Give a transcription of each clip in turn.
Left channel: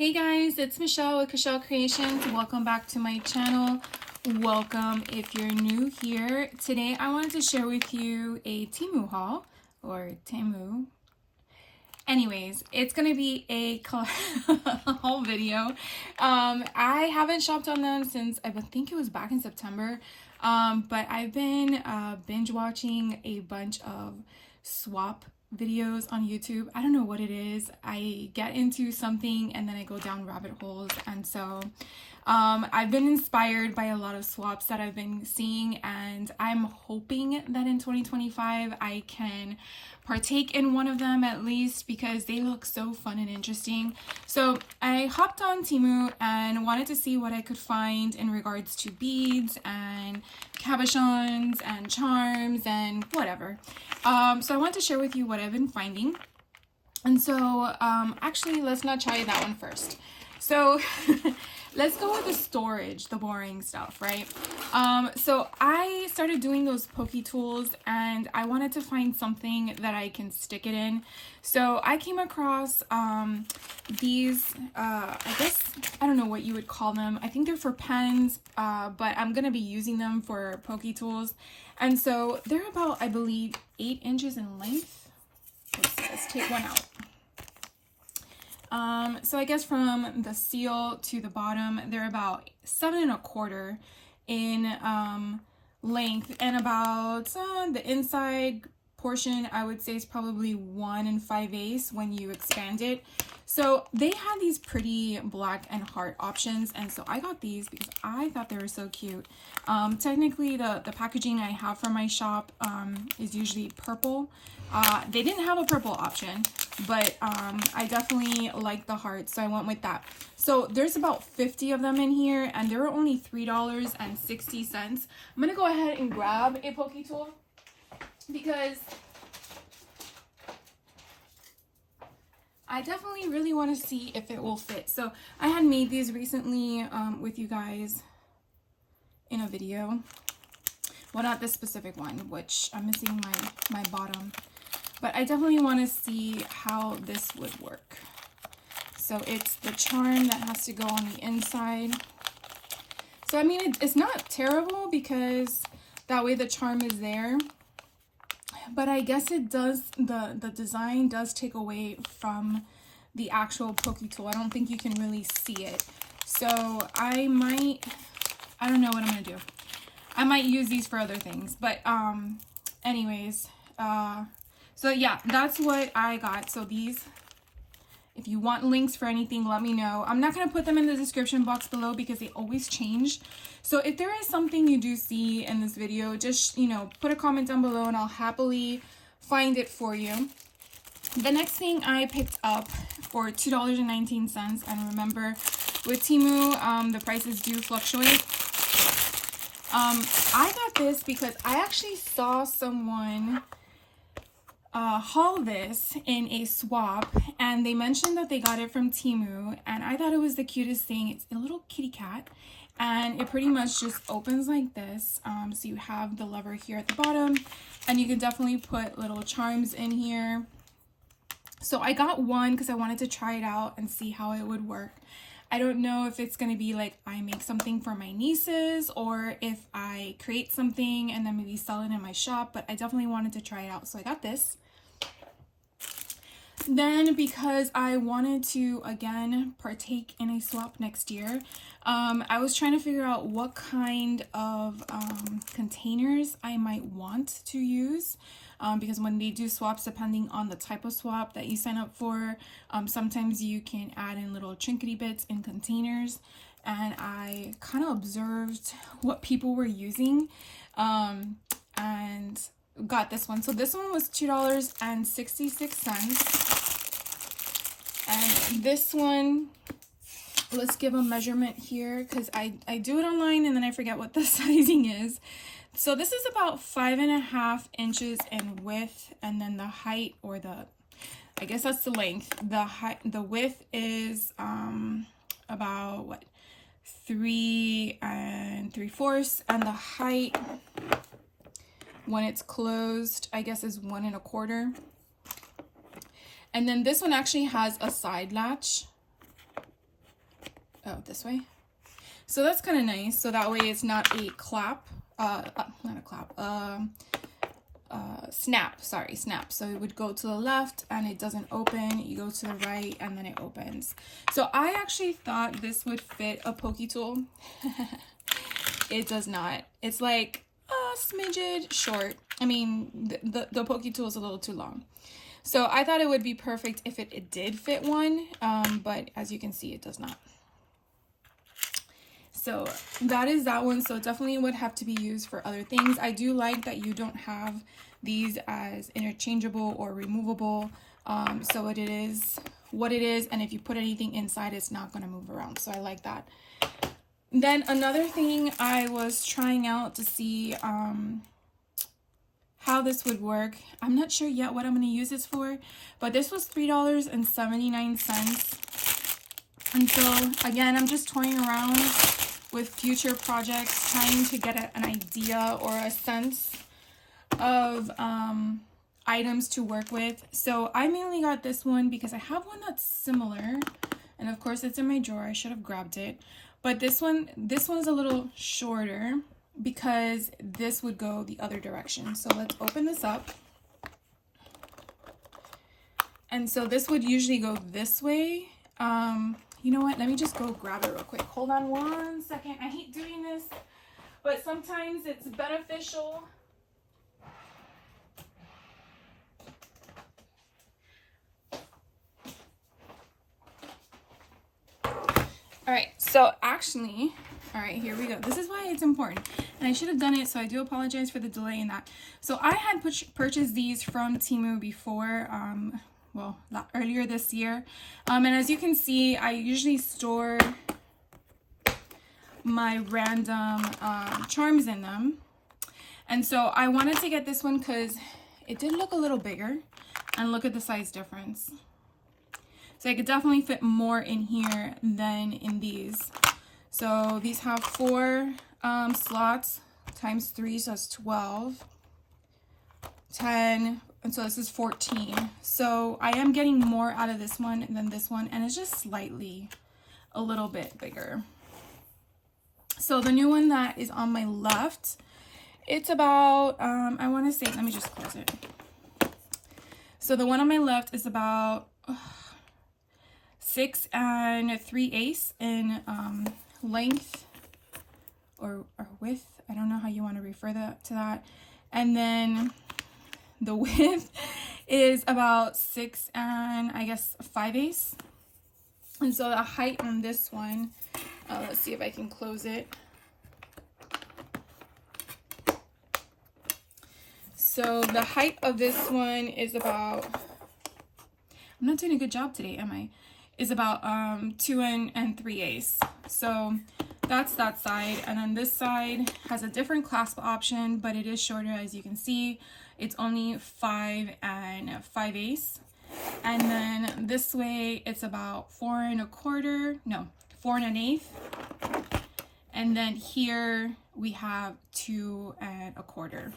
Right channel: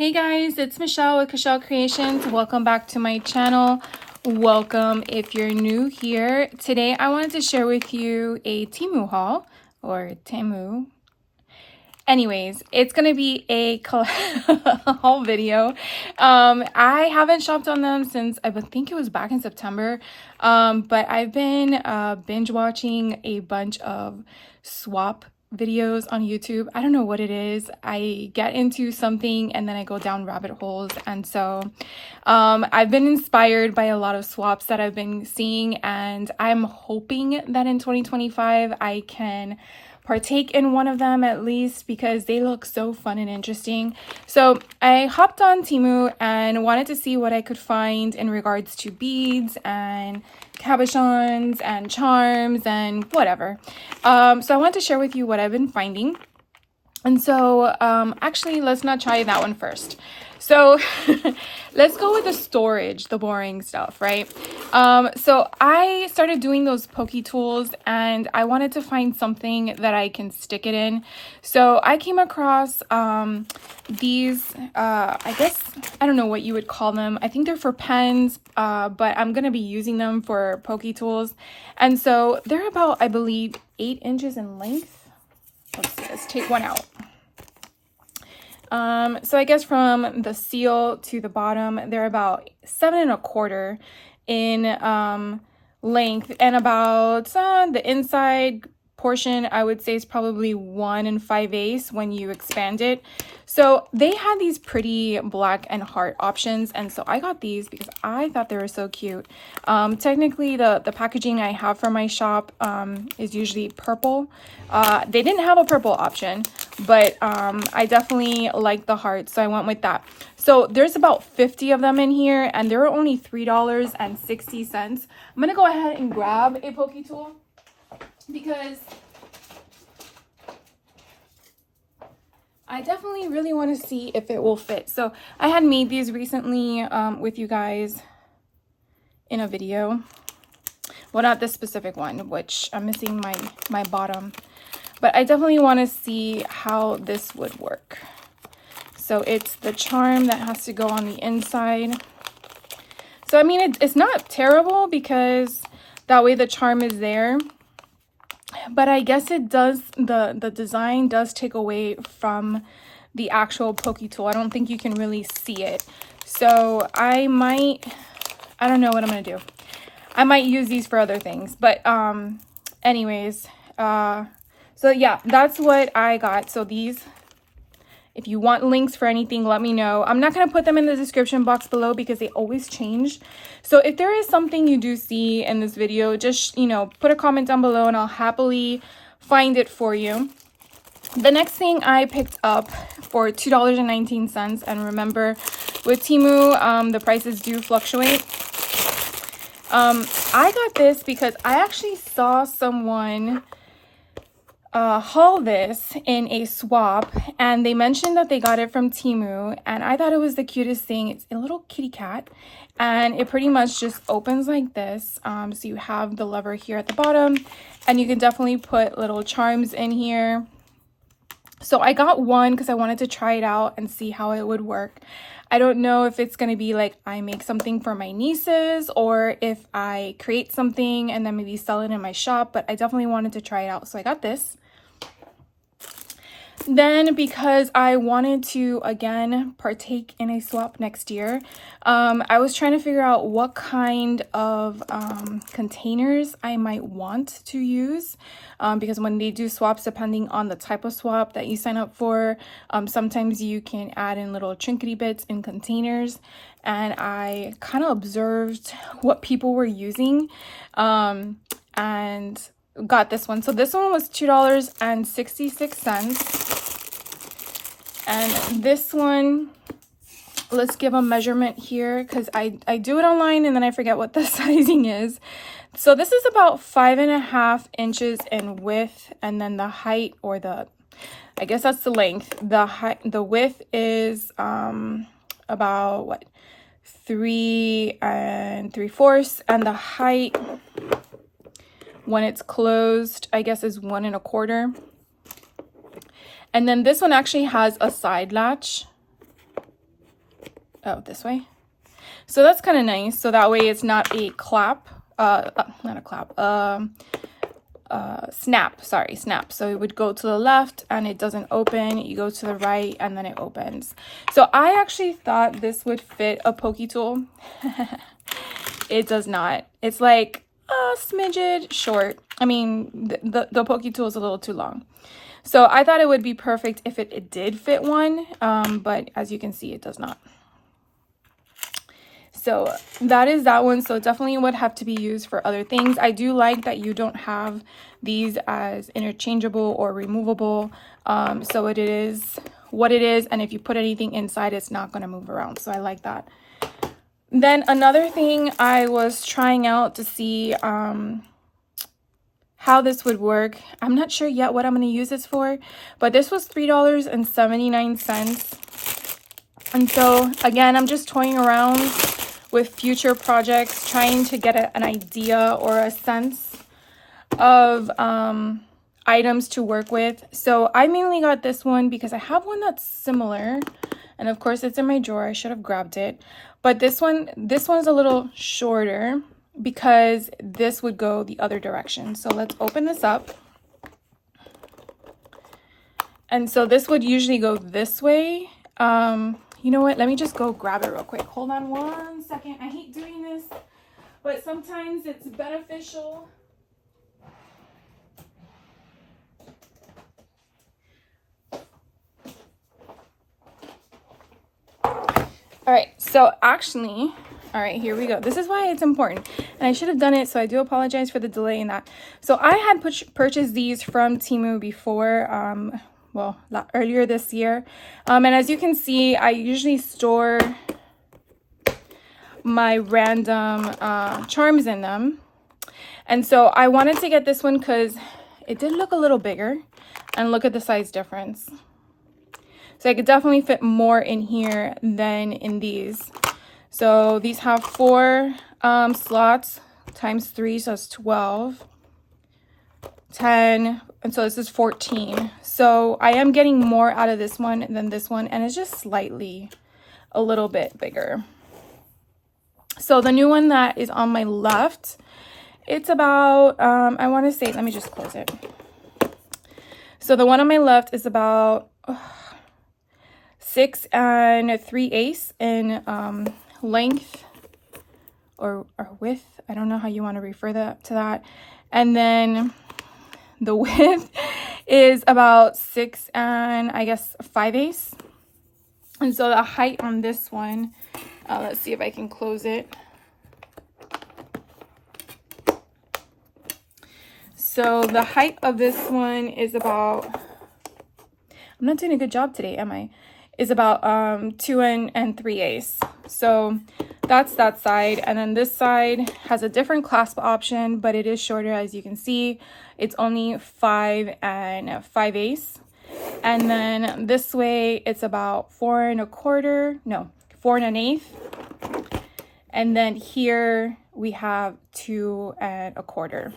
Hey guys, it's Michelle with Michelle Creations. Welcome back to my channel. Welcome if you're new here. Today I wanted to share with you a Temu haul or Temu. Anyways, it's gonna be a haul video. I haven't shopped on them since I think it was back in September. But I've been binge watching a bunch of swap videos on YouTube. I don't know what it is. I get into something and then I go down rabbit holes. And so I've been inspired by a lot of swaps that I've been seeing, and I'm hoping that in 2025 I can partake in one of them at least because they look so fun and interesting. So I hopped on Temu and wanted to see what I could find in regards to beads and cabochons and charms and whatever. So I want to share with you what I've been finding. And so actually, let's not try that one first. So let's go with the storage, the boring stuff, right? So I started doing those pokey tools and I wanted to find something that I can stick it in. So I came across these, I guess, I don't know what you would call them. I think they're for pens, but I'm going to be using them for pokey tools. And so they're about, I believe, 8 inches in length. Let's take one out. So I guess from the seal to the bottom, they're about 7 1/4 in length, and about the inside portion I would say is probably 1 5/8 when you expand it. So they had these pretty black and heart options, and so I got these because I thought they were so cute. Technically the packaging I have for my shop is usually purple. They didn't have a purple option, but I definitely like the heart, so I went with that. So there's about 50 of them in here, and they're only $3.60. I'm gonna go ahead and grab a pokey tool because I definitely really want to see if it will fit. So I had made these recently with you guys in a video. Well, not this specific one, which I'm missing my bottom. But I definitely want to see how this would work. So it's the charm that has to go on the inside. So I mean, it's not terrible because that way the charm is there. But I guess it does, the design does take away from the actual pokey tool. I don't think you can really see it. So I don't know what I'm gonna do. I might use these for other things. But anyways, so yeah, that's what I got. So these, if you want links for anything, let me know. I'm not going to put them in the description box below because they always change. So if there is something you do see in this video, just, put a comment down below and I'll happily find it for you. The next thing I picked up for $2.19. And remember, with Temu, the prices do fluctuate. I got this because I actually saw someone haul this in a swap, and they mentioned that they got it from Temu, and I thought it was the cutest thing. It's a little kitty cat, and it pretty much just opens like this. So you have the lever here at the bottom, and you can definitely put little charms in here. So I got one because I wanted to try it out and see how it would work. I don't know if it's going to be like I make something for my nieces or if I create something and then maybe sell it in my shop, but I definitely wanted to try it out. So I got this. Then, because I wanted to, again, partake in a swap next year, I was trying to figure out what kind of containers I might want to use. Because when they do swaps, depending on the type of swap that you sign up for, sometimes you can add in little trinkety bits in containers. And I kind of observed what people were using and got this one. So this one was $2.66. And this one, let's give a measurement here because I do it online and then I forget what the sizing is. So this is about 5.5 inches in width, and then the height, or I guess that's the length. The width is about what, 3 3/4, and the height when it's closed, I guess, is 1 1/4. And then this one actually has a side latch. Oh, this way. So that's kind of nice. So that way it's not a clap, not a clap, snap, sorry, snap. So it would go to the left and it doesn't open. You go to the right and then it opens. So I actually thought this would fit a pokey tool. It does not. It's like a smidget short. I mean, the pokey tool is a little too long. So I thought it would be perfect if it did fit one, but as you can see, it does not. So that is that one. So it definitely would have to be used for other things. I do like that you don't have these as interchangeable or removable. So it is what it is. And if you put anything inside, it's not going to move around. So I like that. Then another thing I was trying out to see how this would work. I'm not sure yet what I'm going to use this for, but this was $3.79. And so again, I'm just toying around with future projects, trying to get an idea or a sense of items to work with. So I mainly got this one because I have one that's similar, and of course it's in my drawer. I should have grabbed it, but this one's a little shorter because this would go the other direction. So let's open this up. And so this would usually go this way. You know what? Let me just go grab it real quick. Hold on one second. I hate doing this, but sometimes it's beneficial. All right, so actually, all right, here we go. This is why it's important. And I should have done it, so I do apologize for the delay in that. So I had purchased these from Temu before, well, earlier this year. And as you can see, I usually store my random charms in them. And so I wanted to get this one because it did look a little bigger. And look at the size difference. So I could definitely fit more in here than in these. So these have 4 slots times 3, so it's 12, 10, and so this is 14. So I am getting more out of this one than this one, and it's just slightly a little bit bigger. So the new one that is on my left, it's about, I want to say, let me just close it. So the one on my left is about 6 3/8 in length or width. I don't know how you want to refer to that. And then the width is about 6 5/8. And so the height on this one, let's see if I can close it. So the height of this one is about, I'm not doing a good job today, am I? Is about 2 3/8. So that's that side. And then this side has a different clasp option, but it is shorter, as you can see. It's only 5 5/8. And then this way it's about 4 1/4, no, 4 1/8. And then here we have 2 1/4.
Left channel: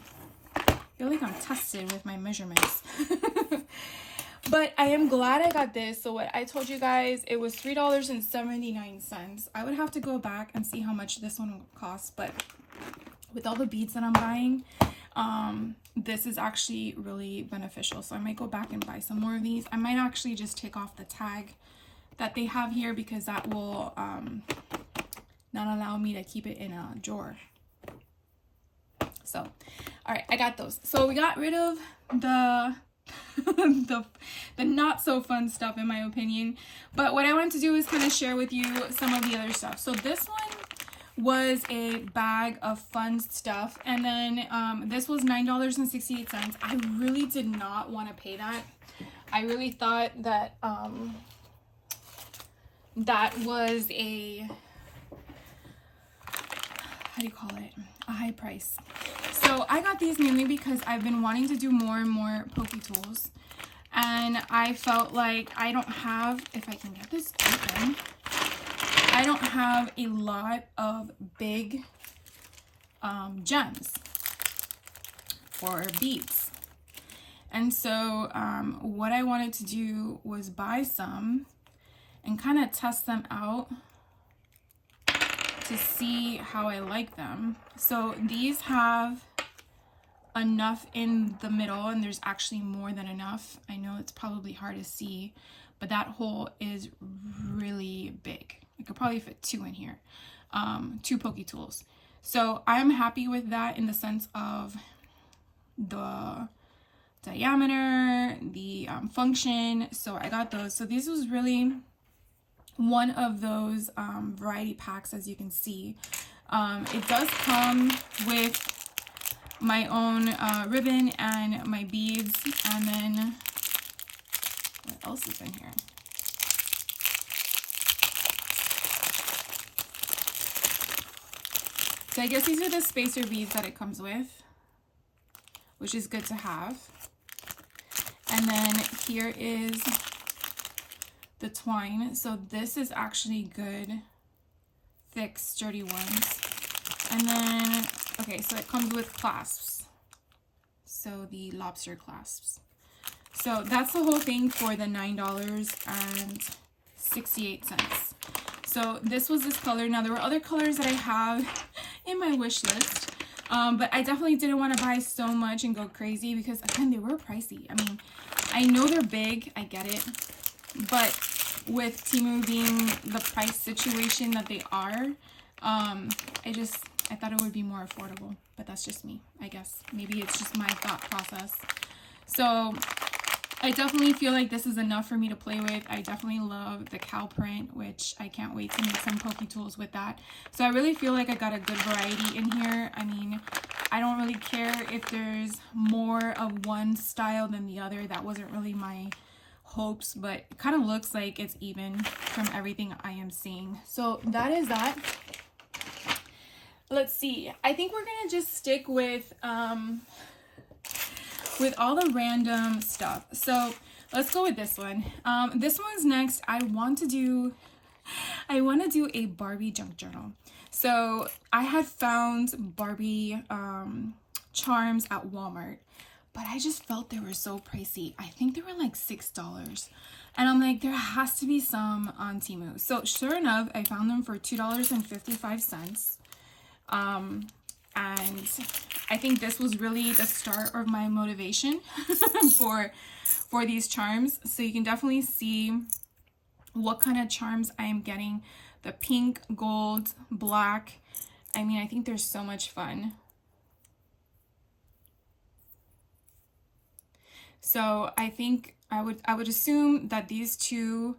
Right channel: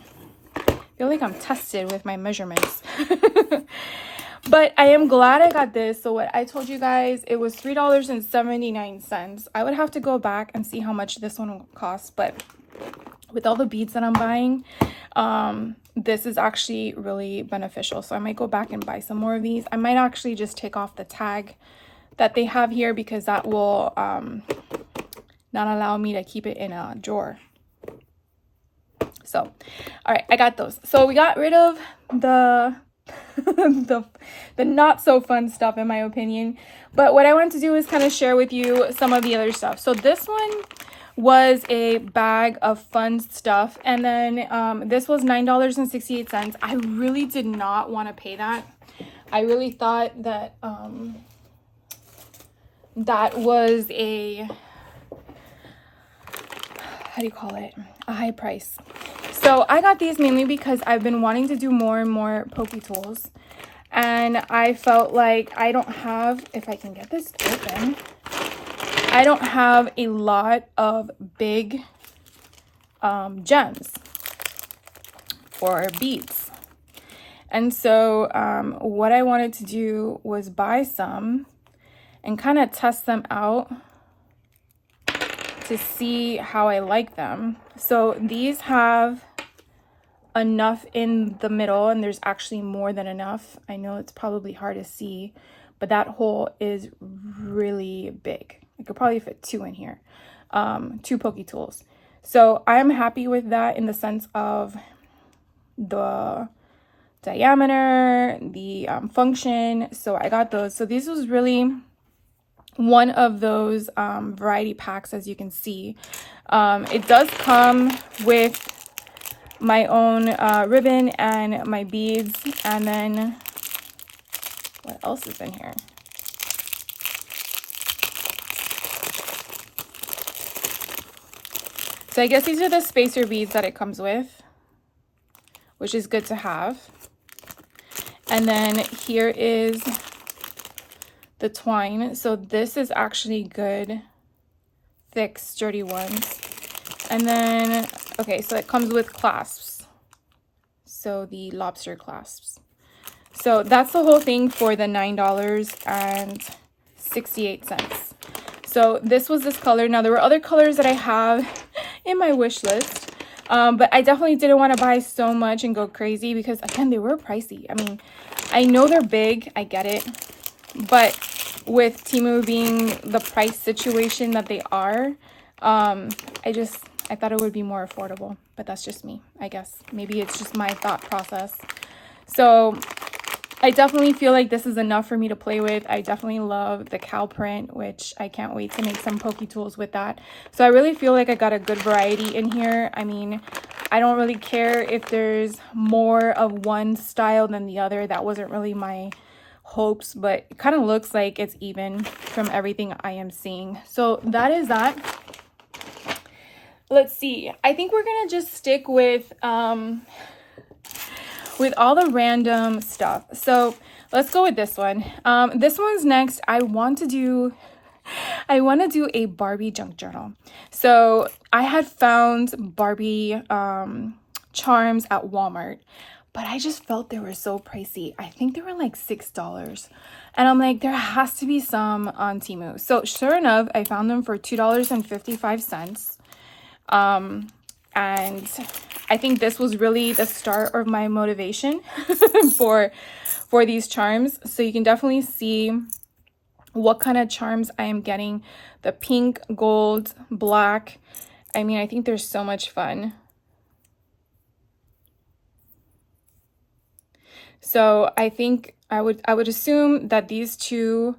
I feel like I'm tested with my measurements. But I am glad I got this. So what I told you guys, it was $3.79. I would have to go back and see how much this one costs, but with all the beads that I'm buying, this is actually really beneficial. So I might go back and buy some more of these. I might actually just take off the tag that they have here because that will not allow me to keep it in a drawer. So, all right, I got those. So we got rid of the not so fun stuff, in my opinion, but what I want to do is kind of share with you some of the other stuff. So this one was a bag of fun stuff, and then this was $9.68. I really did not want to pay that. I really thought that that was a, how do you call it, a high price. So I got these mainly because I've been wanting to do more and more pokey tools. And I felt like I don't have, if I can get this open, I don't have a lot of big gems or beads. And so what I wanted to do was buy some and kind of test them out to see how I like them. So these have enough in the middle, and there's actually more than enough. I know it's probably hard to see, but that hole is really big. I could probably fit 2 in here, 2 pokey tools. So I'm happy with that in the sense of the diameter, the function. So I got those. So this was really one of those variety packs, as you can see. It does come with my own ribbon and my beads, and then what else is in here? So I guess these are the spacer beads that it comes with, which is good to have. And then here is the twine. So this is actually good, thick, sturdy ones. And then, okay, so it comes with clasps. So the lobster clasps. So that's the whole thing for the $9.68. So this was this color. Now there were other colors that I have in my wish list. But I definitely didn't want to buy so much and go crazy because, again, they were pricey. I mean, I know they're big. I get it. But with Temu being the price situation that they are, I thought it would be more affordable. But that's just me, I guess. Maybe it's just my thought process. So I definitely feel like this is enough for me to play with. I definitely love the cow print, which I can't wait to make some pokey tools with that. So I really feel like I got a good variety in here. I mean, I don't really care if there's more of one style than the other. That wasn't really my hopes, but it kind of looks like it's even from everything I am seeing. So that is that. Let's see. I think we're gonna just stick with all the random stuff. So let's go with this one. This one's next. I want to do a Barbie junk journal. So I had found Barbie charms at Walmart, but I just felt they were so pricey. I think they were like $6. And I'm like, there has to be some on Temu. So sure enough, I found them for $2.55. And I think this was really the start of my motivation for these charms. So you can definitely see what kind of charms I am getting. The pink, gold, black. I mean, I think they're so much fun. So I think I would assume that these two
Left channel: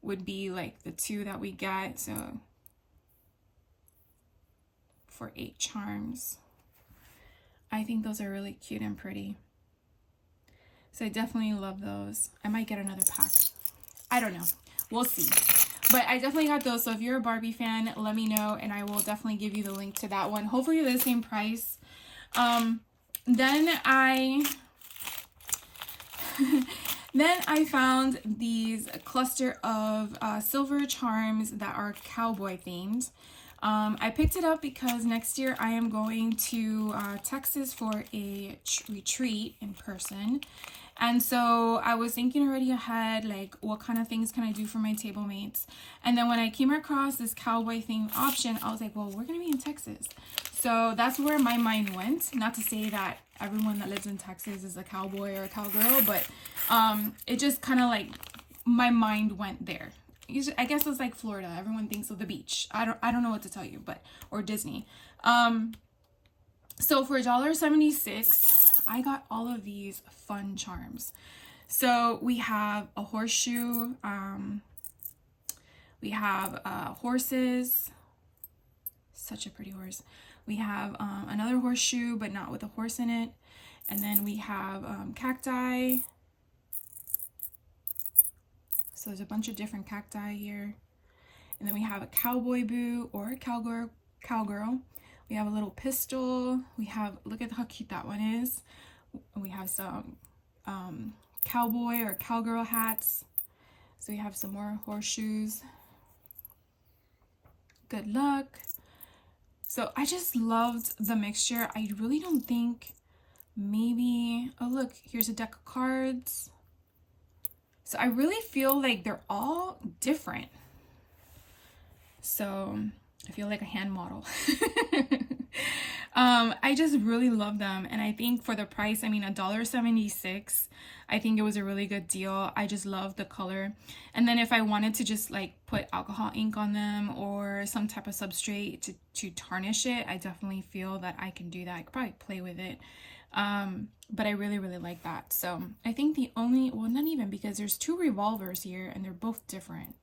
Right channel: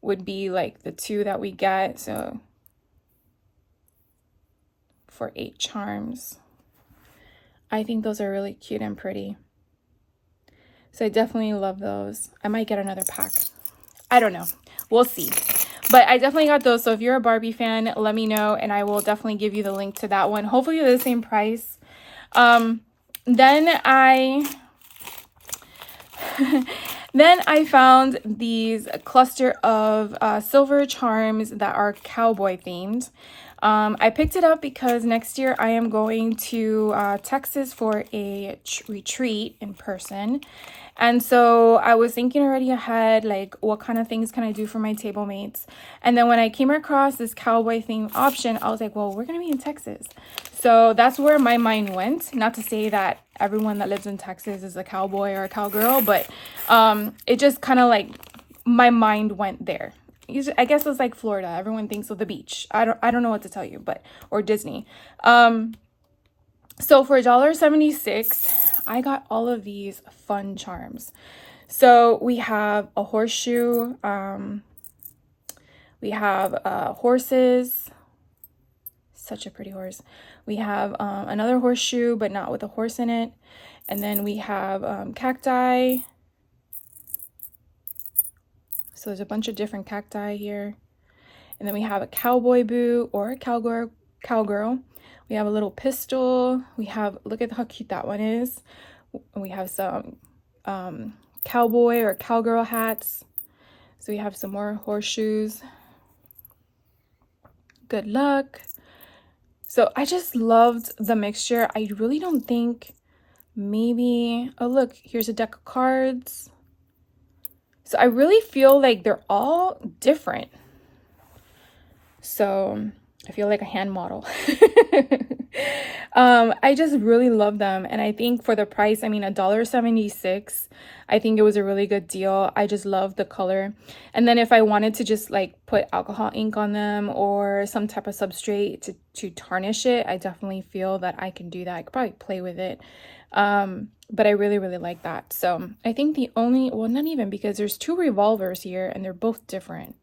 would be like the two that we get. So for 8 charms. I think those are really cute and pretty. So I definitely love those. I might get another pack. I don't know. We'll see. But I definitely got those. So if you're a Barbie fan, let me know and I will definitely give you the link to that one. Hopefully they're the same price. Then I found these cluster of silver charms that are cowboy themed. I picked it up because next year I am going to Texas for a retreat in person. And so I was thinking already ahead, like what kind of things can I do for my table mates? And then when I came across this cowboy theme option, I was like, well, we're going to be in Texas. So that's where my mind went. Not to say that everyone that lives in Texas is a cowboy or a cowgirl, but it just kind of like my mind went there. I guess it's like Florida. Everyone thinks of the beach. I don't know what to tell you, but or Disney. So for $1.76, I got all of these fun charms. So we have a horseshoe. We have horses. Such a pretty horse. We have another horseshoe, but not with a horse in it. And then we have cacti. So there's a bunch of different cacti here. And then we have a cowboy boot or a cowgirl. We have a little pistol. We have, look at how cute that one is. We have some cowboy or cowgirl hats. So we have some more horseshoes. Good luck. So I just loved the mixture. I really don't think maybe, oh look, here's a deck of cards. So I really feel like they're all different. So I feel like a hand model. I just really love them. And I think for the price, I mean, $1.76, I think it was a really good deal. I just love the color. And then if I wanted to just like put alcohol ink on them or some type of substrate to tarnish it, I definitely feel that I can do that. I could probably play with it. But I really, really like that. So I think the only, well, not even, because there's two revolvers here and they're both different.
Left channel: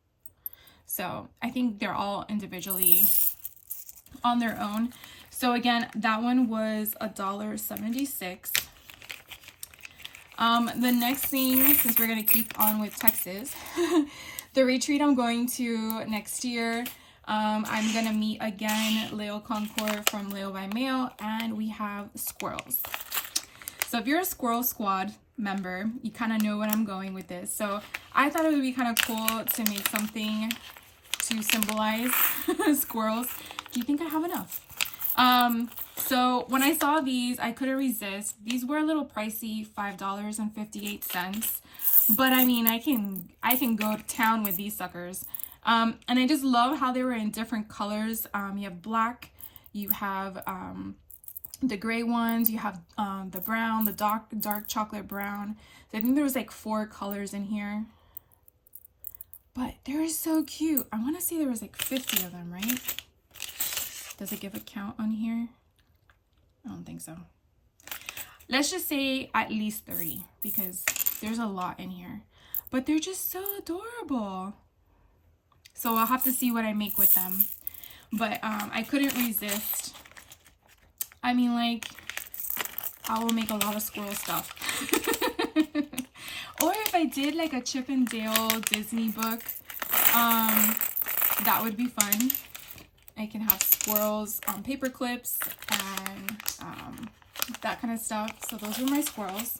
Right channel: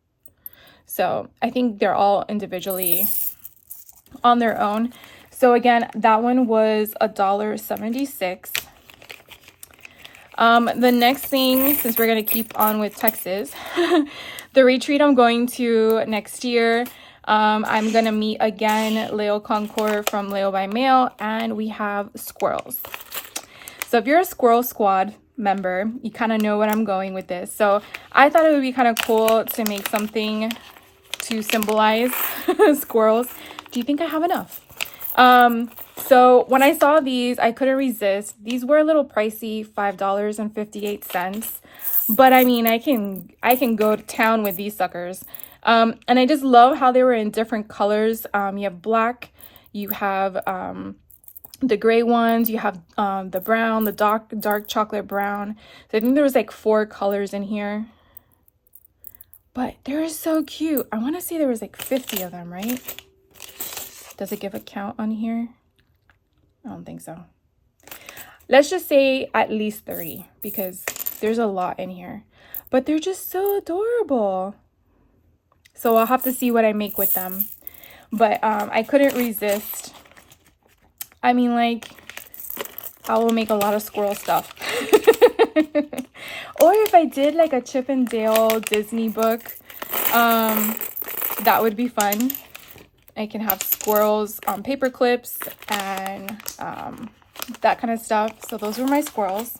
So I think they're all individually on their own. So again, that one was $1.76. The next thing, since we're gonna keep on with Texas, the retreat I'm going to next year, I'm gonna meet again Leo Concord from Leo by Mail, and we have squirrels. So if you're a Squirrel Squad member, you kind of know what I'm going with this. So I thought it would be kind of cool to make something to symbolize squirrels. Do you think I have enough? So when I saw these, I couldn't resist. These were a little pricey, $5.58. But I mean, I can go to town with these suckers. And I just love how they were in different colors. You have black, you have the gray ones, you have the brown, the dark chocolate brown. So I think there was like 4 colors in here. But they're so cute. I want to say there was like 50 of them, right? Does it give a count on here? I don't think so. Let's just say at least 30 because there's a lot in here. But they're just so adorable. So I'll have to see what I make with them. But I couldn't resist. I mean, like, I will make a lot of squirrel stuff. Or if I did like a Chip and Dale Disney book, that would be fun. I can have squirrels on paper clips and that kind of stuff. So those were my squirrels.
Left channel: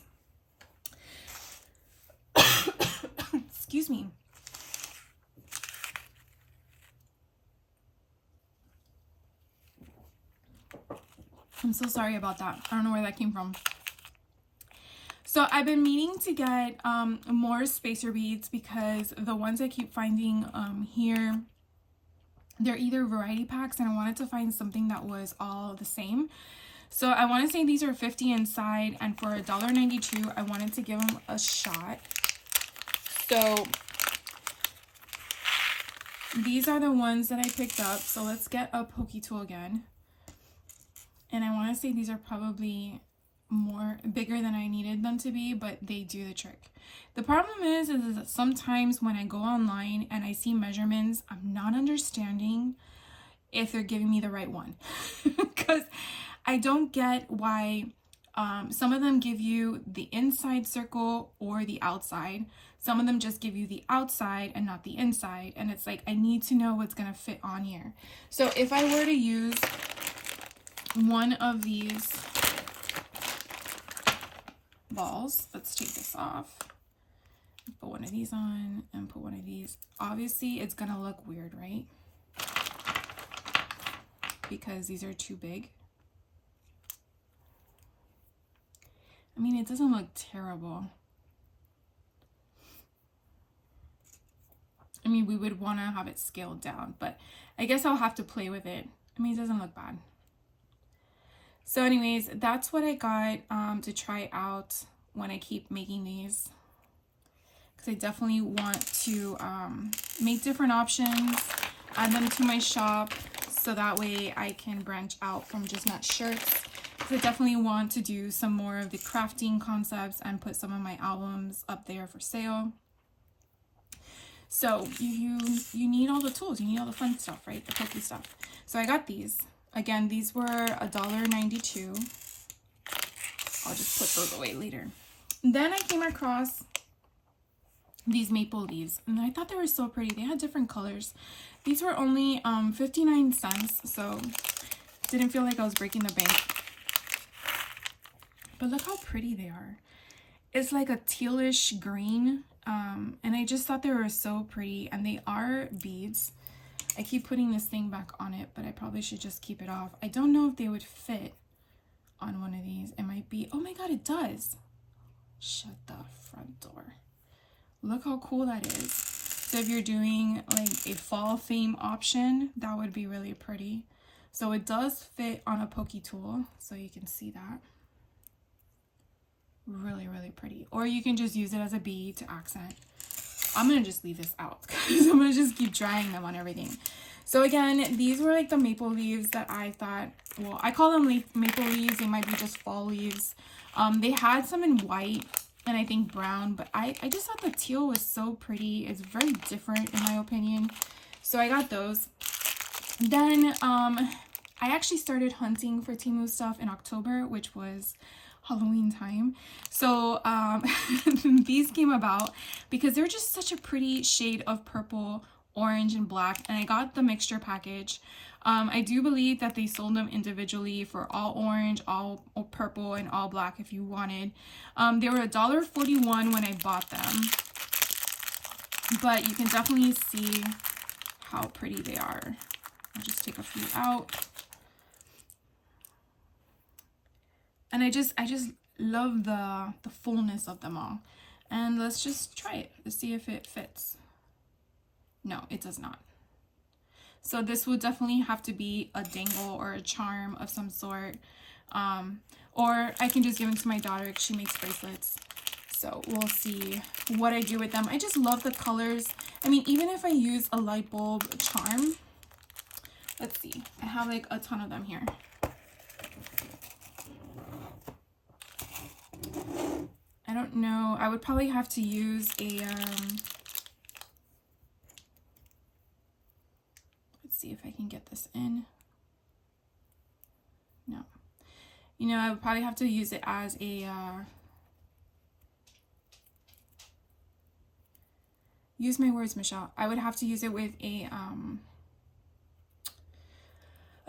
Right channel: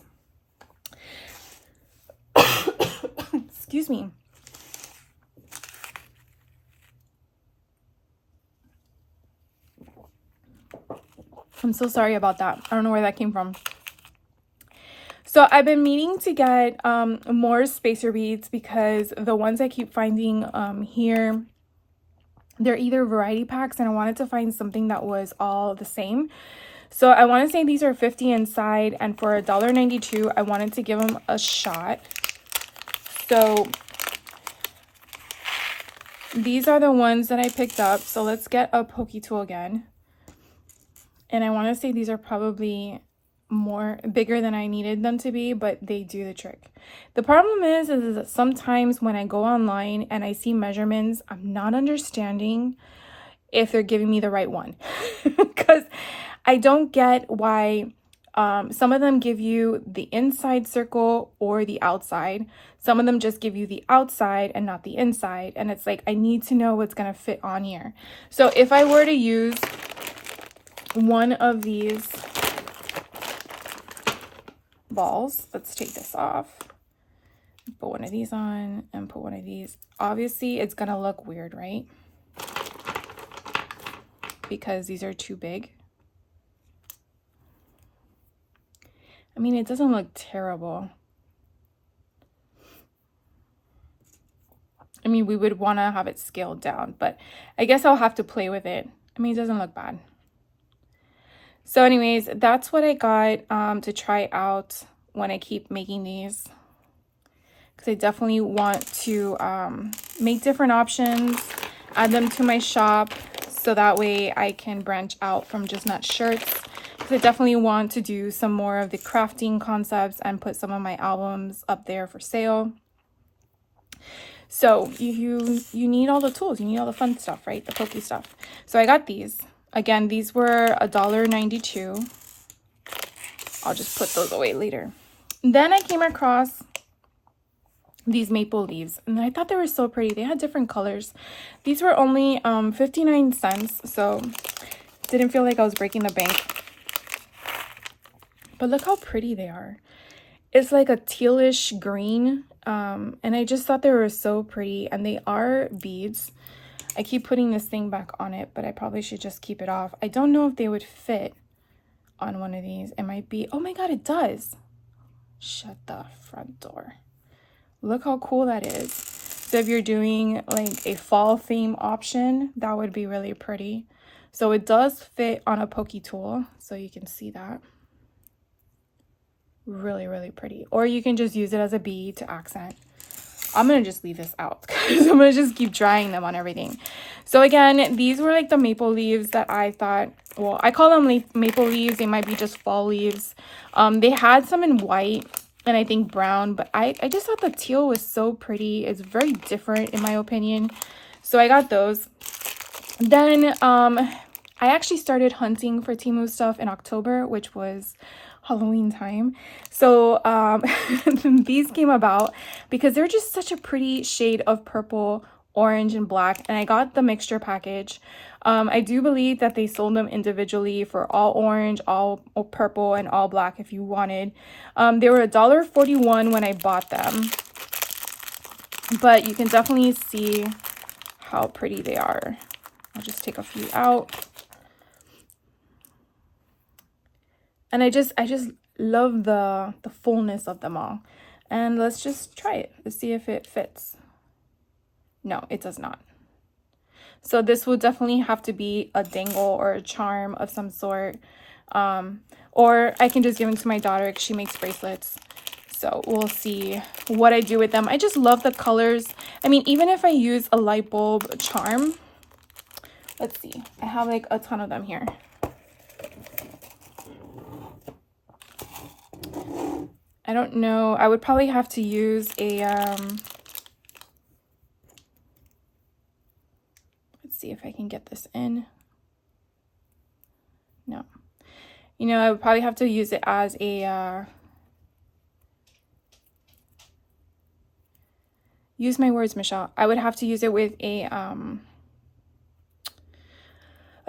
Excuse me. I'm so sorry about that. I don't know where that came from. So I've been meaning to get more spacer beads because the ones I keep finding here, they're either variety packs, and I wanted to find something that was all the same. So I want to say these are 50 inside, and for $1.92, I wanted to give them a shot. So these are the ones that I picked up. So let's get a pokey tool again. And I want to say these are probably bigger than I needed them to be, but they do the trick. The problem is that sometimes when I go online and I see measurements, I'm not understanding if they're giving me the right one. Because I don't get why some of them give you the inside circle or the outside. Some of them just give you the outside and not the inside. And it's like, I need to know what's going to fit on here. So if I were to use one of these balls, let's take this off, put one of these on and put one of these. Obviously it's gonna look weird, right? Because these are too big. I mean, it doesn't look terrible. I mean, we would want to have it scaled down, but I guess I'll have to play with it. I mean, it doesn't look bad. So anyways, that's what I got to try out when I keep making these. Because I definitely want to make different options, add them to my shop, so that way I can branch out from just not shirts. Because I definitely want to do some more of the crafting concepts and put some of my albums up there for sale. So you need all the tools, you need all the fun stuff, right? The pokey stuff. So I got these. Again, these were $1.92. I'll just put those away later. Then I came across these maple leaves, and I thought they were so pretty. They had different colors. These were only 59 cents, so didn't feel like I was breaking the bank. But look how pretty they are. It's like a tealish green, and I just thought they were so pretty, and they are beads. I keep putting this thing back on it, but I probably should just keep it off. I don't know if they would fit on one of these. It might be, oh my God, it does. Shut the front door. Look how cool that is. So if you're doing like a fall theme option, that would be really pretty. So it does fit on a pokey tool, so you can see that. Really, really pretty. Or you can just use it as a bead to accent. I'm gonna just leave this out because I'm gonna just keep drying them on everything. So again, these were like the maple leaves that I thought, well, I call them maple leaves. They might be just fall leaves. They had some in white and I think brown, but I just thought the teal was so pretty. It's very different in my opinion. So I got those. Then I actually started hunting for Temu stuff in October, which was Halloween time. So these came about because they're just such a pretty shade of purple, orange, and black, and I got the mixture package. I do believe that they sold them individually for all orange, all purple, and all black if you wanted. They were $1.41 when I bought them, but you can definitely see how pretty they are. I'll just take a few out. And I just love the fullness of them all. And let's just try it to see if it fits. No, it does not. So this will definitely have to be a dangle or a charm of some sort. Or I can just give them to my daughter because she makes bracelets. So we'll see what I do with them. I just love the colors. I mean, even if I use a light bulb charm, let's see. I have like a ton of them here. I don't know. I would probably have to use a, let's see if I can get this in. No. You know, I would probably have to use it as a, use my words, Michelle. I would have to use it with a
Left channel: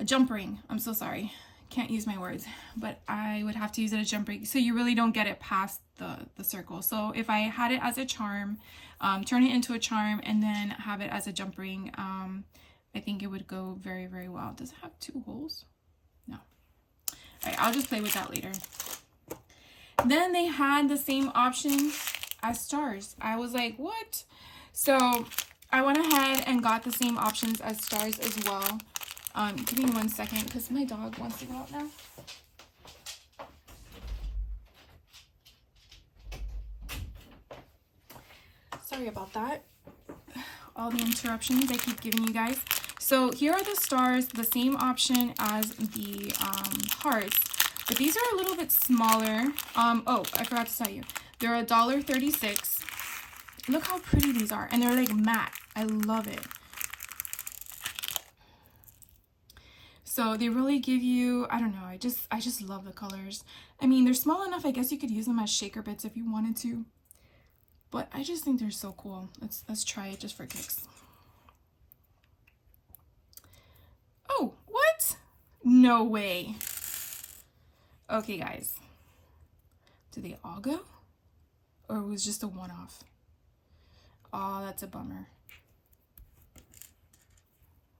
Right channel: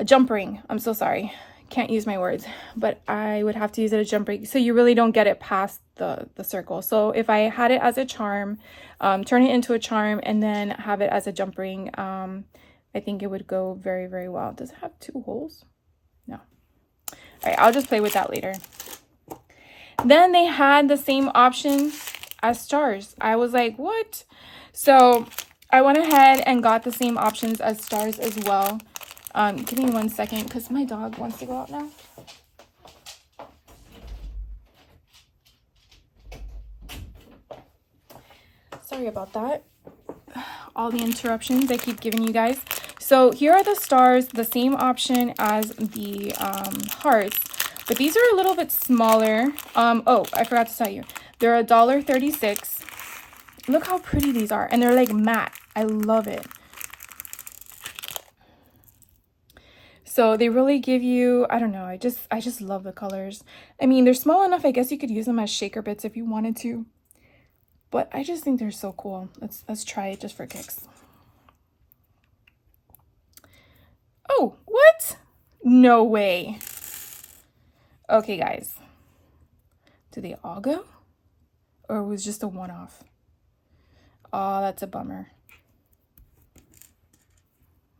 jump ring. I'm so sorry. Can't use my words, but I would have to use it as a jump ring so you really don't get it past the circle. So if I had it as a charm, turn it into a charm and then have it as a jump ring, I think it would go very, very well. Does it have 2 holes? No. All right, I'll just play with that later. Then they had the same option as stars. I was like, what? So I went ahead and got the same options as stars as well. Give me 1 second because my dog wants to go out now. Sorry about that. All the interruptions I keep giving you guys. So here are the stars, the same option as the hearts, but these are a little bit smaller. Oh, I forgot to tell you. They're $1.36. Look how pretty these are. And they're like matte. I love it. So they really give you, I don't know, I just love the colors. I mean, they're small enough, I guess you could use them as shaker bits if you wanted to. But I just think they're so cool. Let's try it just for kicks. Oh, what? No way. Okay, guys. Do they all go? Or it was just a one-off? Oh, that's a bummer.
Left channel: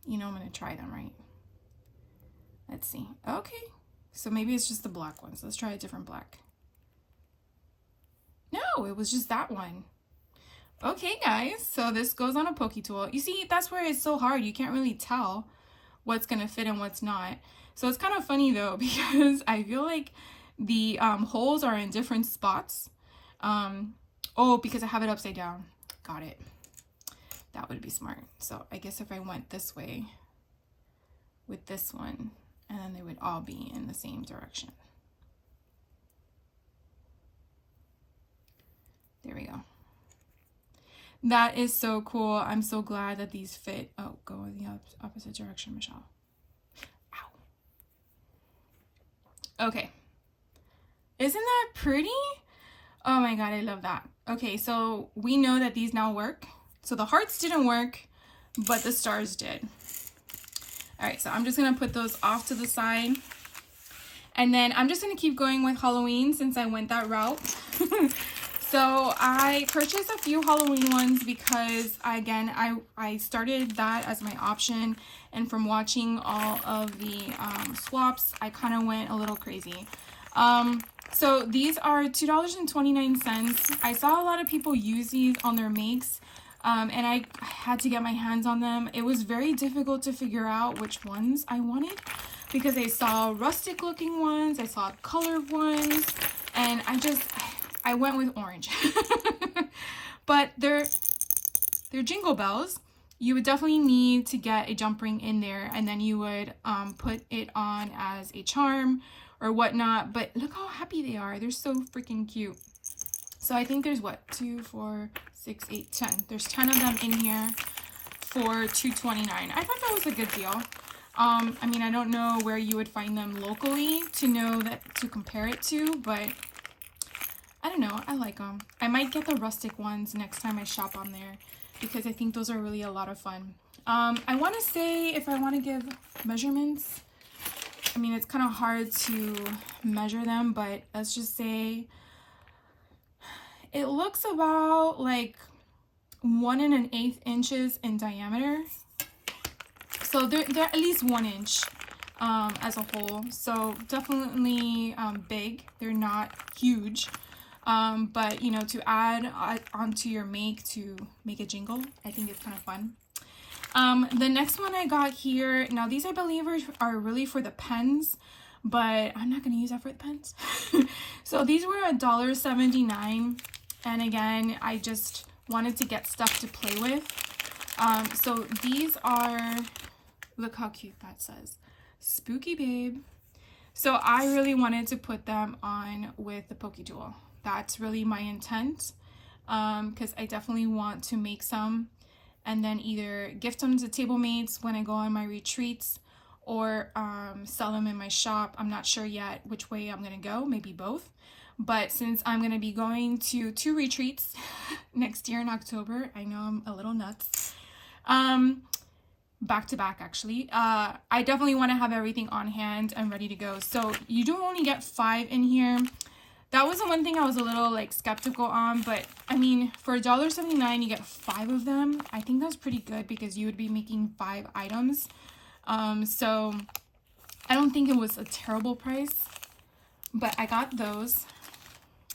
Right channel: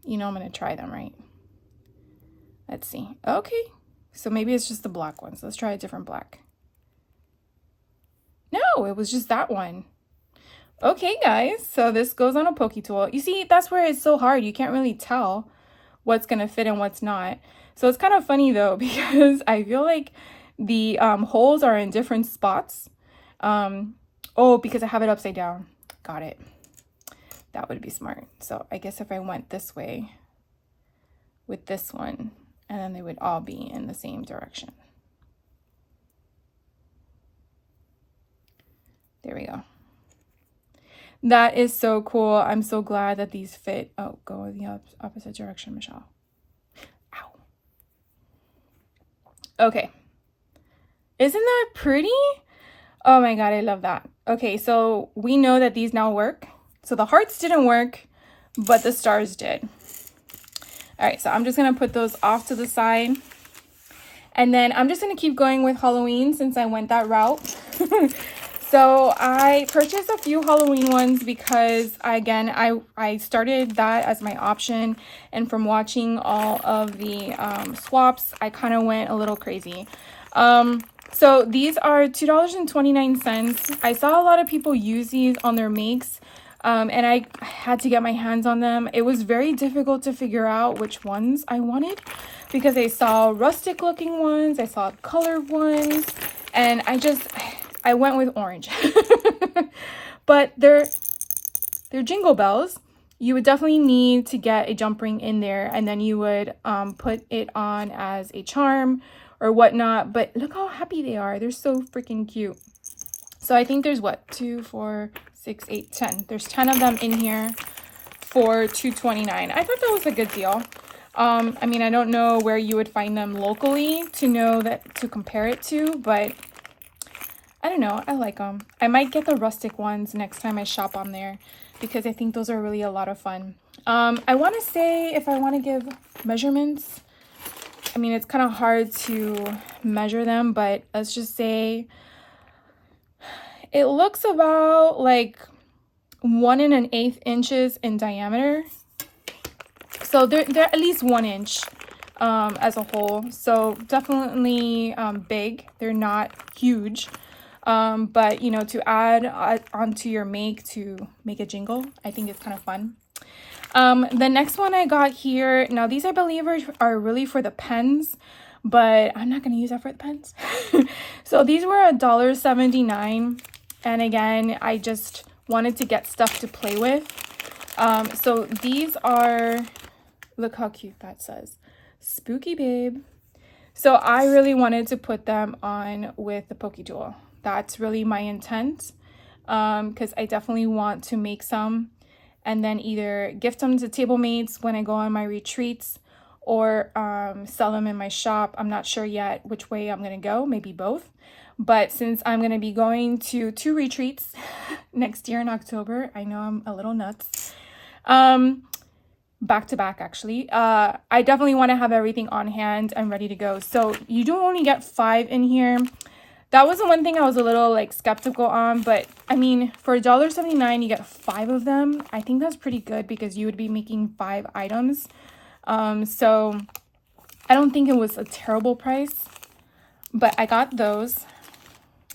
You know I'm going to try them, right? Let's see. Okay. So maybe it's just the black ones. Let's try a different black. No, it was just that one. Okay, guys. So this goes on a pokey tool. You see, that's where it's so hard. You can't really tell what's going to fit and what's not. So it's kind of funny, though, because I feel like the holes are in different spots. Oh, because I have it upside down. Got it. That would be smart. So I guess if I went this way with this one, and then they would all be in the same direction. There we go. That is so cool. I'm so glad that these fit. Oh, go in the opposite direction, Michelle. Ow. Okay. Isn't that pretty? Oh my God, I love that. Okay, so we know that these now work. So the hearts didn't work, but the stars did. All right, so I'm just gonna put those off to the side. And then I'm just gonna keep going with Halloween since I went that route. So I purchased a few Halloween ones because I started that as my option. And from watching all of the swaps, I kind of went a little crazy. So these are $2.29. I saw a lot of people use these on their makes. And I had to get my hands on them. It was very difficult to figure out which ones I wanted because I saw rustic looking ones, I saw colored ones, and I went with orange. But they're jingle bells. You would definitely need to get a jump ring in there, and then you would put it on as a charm or whatnot. But look how happy they are. They're so freaking cute. So I think there's what, 2, 4, 6, 8, 10. There's 10 of them in here for $2.29. I thought that was a good deal. I mean, I don't know where you would find them locally to know that to compare it to, but I don't know. I like them. I might get the rustic ones next time I shop on there because I think those are really a lot of fun. I want to say if I want to give measurements, I mean, it's kind of hard to measure them, but let's just say it looks about like 1 1/8 inches in diameter. So they're at least 1 inch as a whole. So definitely big. They're not huge. But you know, to add onto your to make a jingle, I think it's kind of fun. The next one I got here, now these I believe are really for the pens, but I'm not going to use that for the pens. So these were $1.79. And again, I just wanted to get stuff to play with. So these are, look how cute that says, Spooky Babe. So I really wanted to put them on with the Poke Tool. That's really my intent, because I definitely want to make some and then either gift them to table mates when I go on my retreats or sell them in my shop. I'm not sure yet which way I'm going to go, maybe both. But since I'm going to be going to 2 retreats next year in October, I know I'm a little nuts. Back to back, actually. I definitely want to have everything on hand and ready to go. So you do only get 5 in here. That was the one thing I was a little like skeptical on, but I mean, for $1.79, you get 5 of them. I think that's pretty good because you would be making 5 items. So I don't think it was a terrible price, but I got those.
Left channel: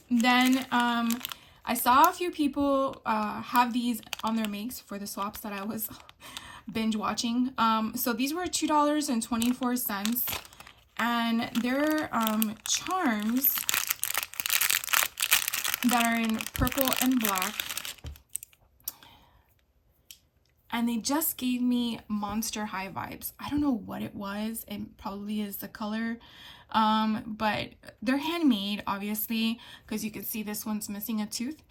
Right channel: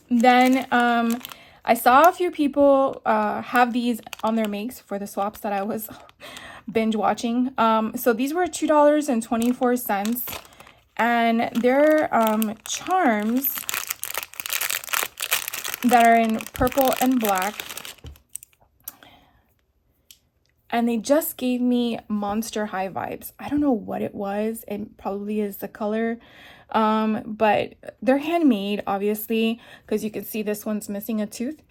Then I saw a few people have these on their makes for the swaps that I was binge watching. So these were $2.24, and they're charms that are in purple and black. And they just gave me Monster High vibes. I don't know what it was. It probably is the color. But they're handmade, obviously, because you can see this one's missing a tooth.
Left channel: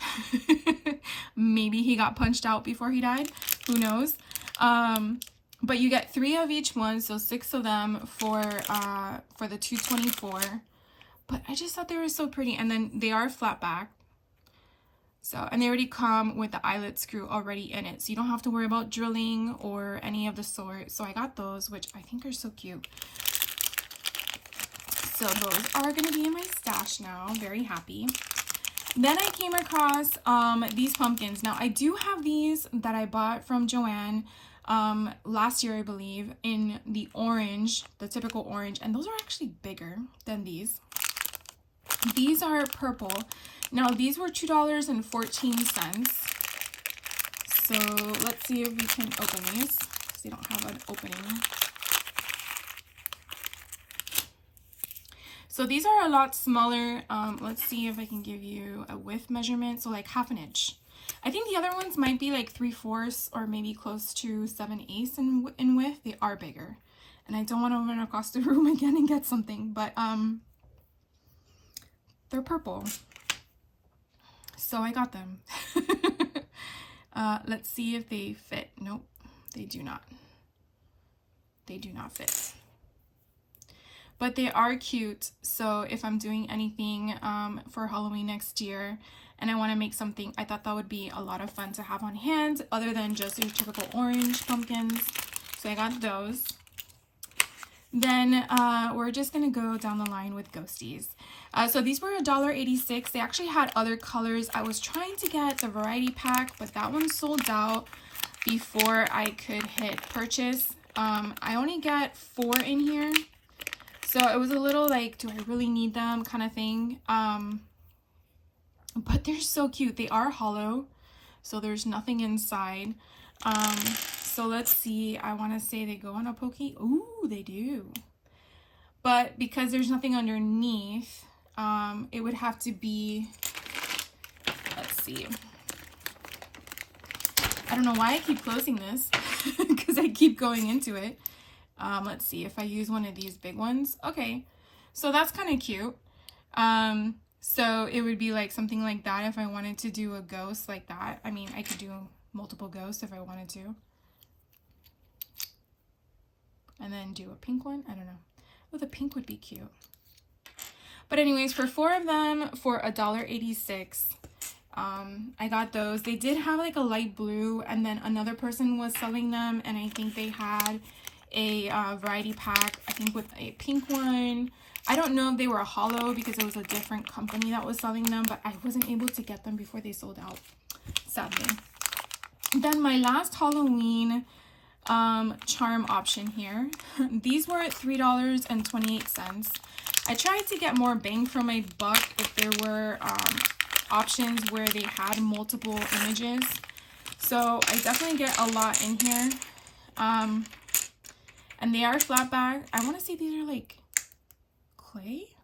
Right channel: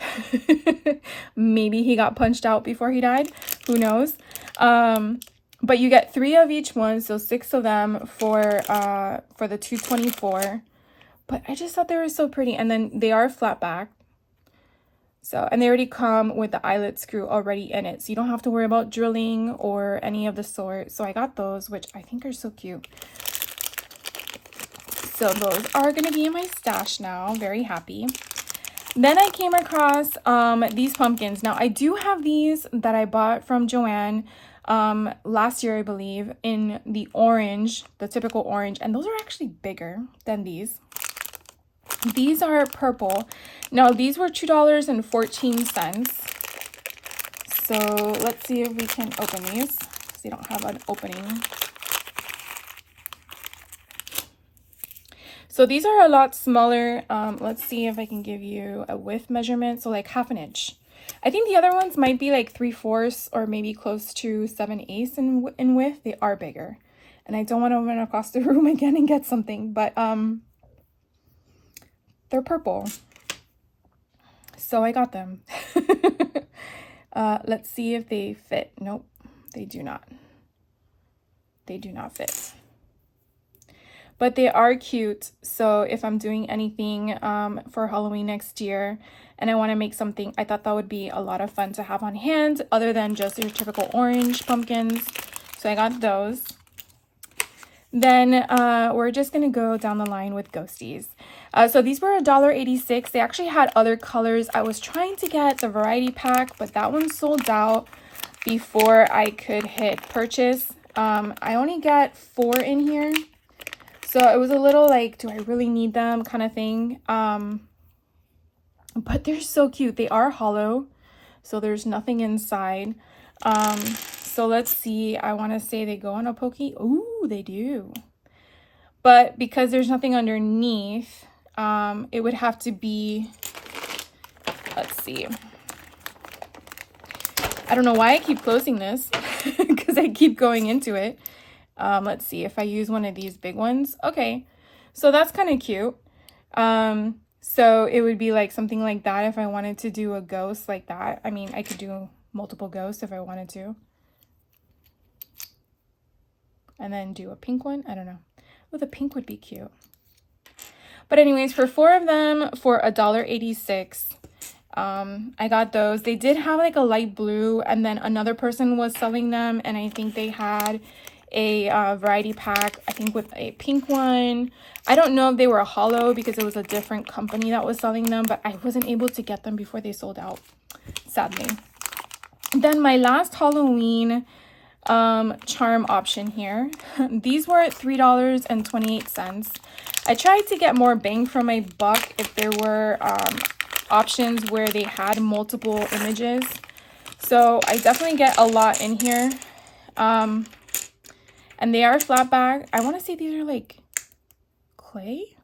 Maybe he got punched out before he died. Who knows? But you get 3 of each one, so 6 of them for the $2.24. But I just thought they were so pretty. And then they are flat back. So, and they already come with the eyelet screw already in it. So you don't have to worry about drilling or any of the sort. So I got those, which I think are so cute. So those are going to be in my stash now. Very happy. Then I came across these pumpkins. Now I do have these that I bought from Joanne last year, I believe, in the orange, the typical orange. And those are actually bigger than these. These are purple. Now these were $2.14. So let's see if we can open these. They don't have an opening. So these are a lot smaller. Let's see if I can give you a width measurement. So like 1/2 inch. I think the other ones might be like 3/4 or maybe close to 7/8 in width. They are bigger. And I don't want to run across the room again and get something, but they're purple. So I got them. Let's see if they fit. Nope, they do not. They do not fit. But they are cute. So if I'm doing anything for Halloween next year and I want to make something, I thought that would be a lot of fun to have on hand other than just your typical orange pumpkins. So I got those. Then we're just going to go down the line with ghosties. So these were $1.86. They actually had other colors. I was trying to get the variety pack, but that one sold out before I could hit purchase. I only got 4 in here. So it was a little like, do I really need them kind of thing. But they're so cute. They are hollow. so there's nothing inside. So let's see, I want to say they go on a pokey. Ooh, they do. But because there's nothing underneath, it would have to be, let's see. I don't know why I keep closing this because I keep going into it. Let's see if I use one of these big ones. Okay, so that's kind of cute. So it would be like something like that if I wanted to do a ghost like that. I mean, I could do multiple ghosts if I wanted to. And then do a pink one. I don't know. Oh, the pink would be cute. But anyways, for 4 of them for $1.86, I got those. They did have like a light blue, and then another person was selling them, and I think they had a variety pack, I think with a pink one. I don't know if they were a hollow because it was a different company that was selling them, but I wasn't able to get them before they sold out, sadly. Then my last Halloween charm option here. These were at $3.28. I tried to get more bang for my buck if there were options where they had multiple images. So I definitely get a lot in here. And they are flat back. I want to say these are like clay,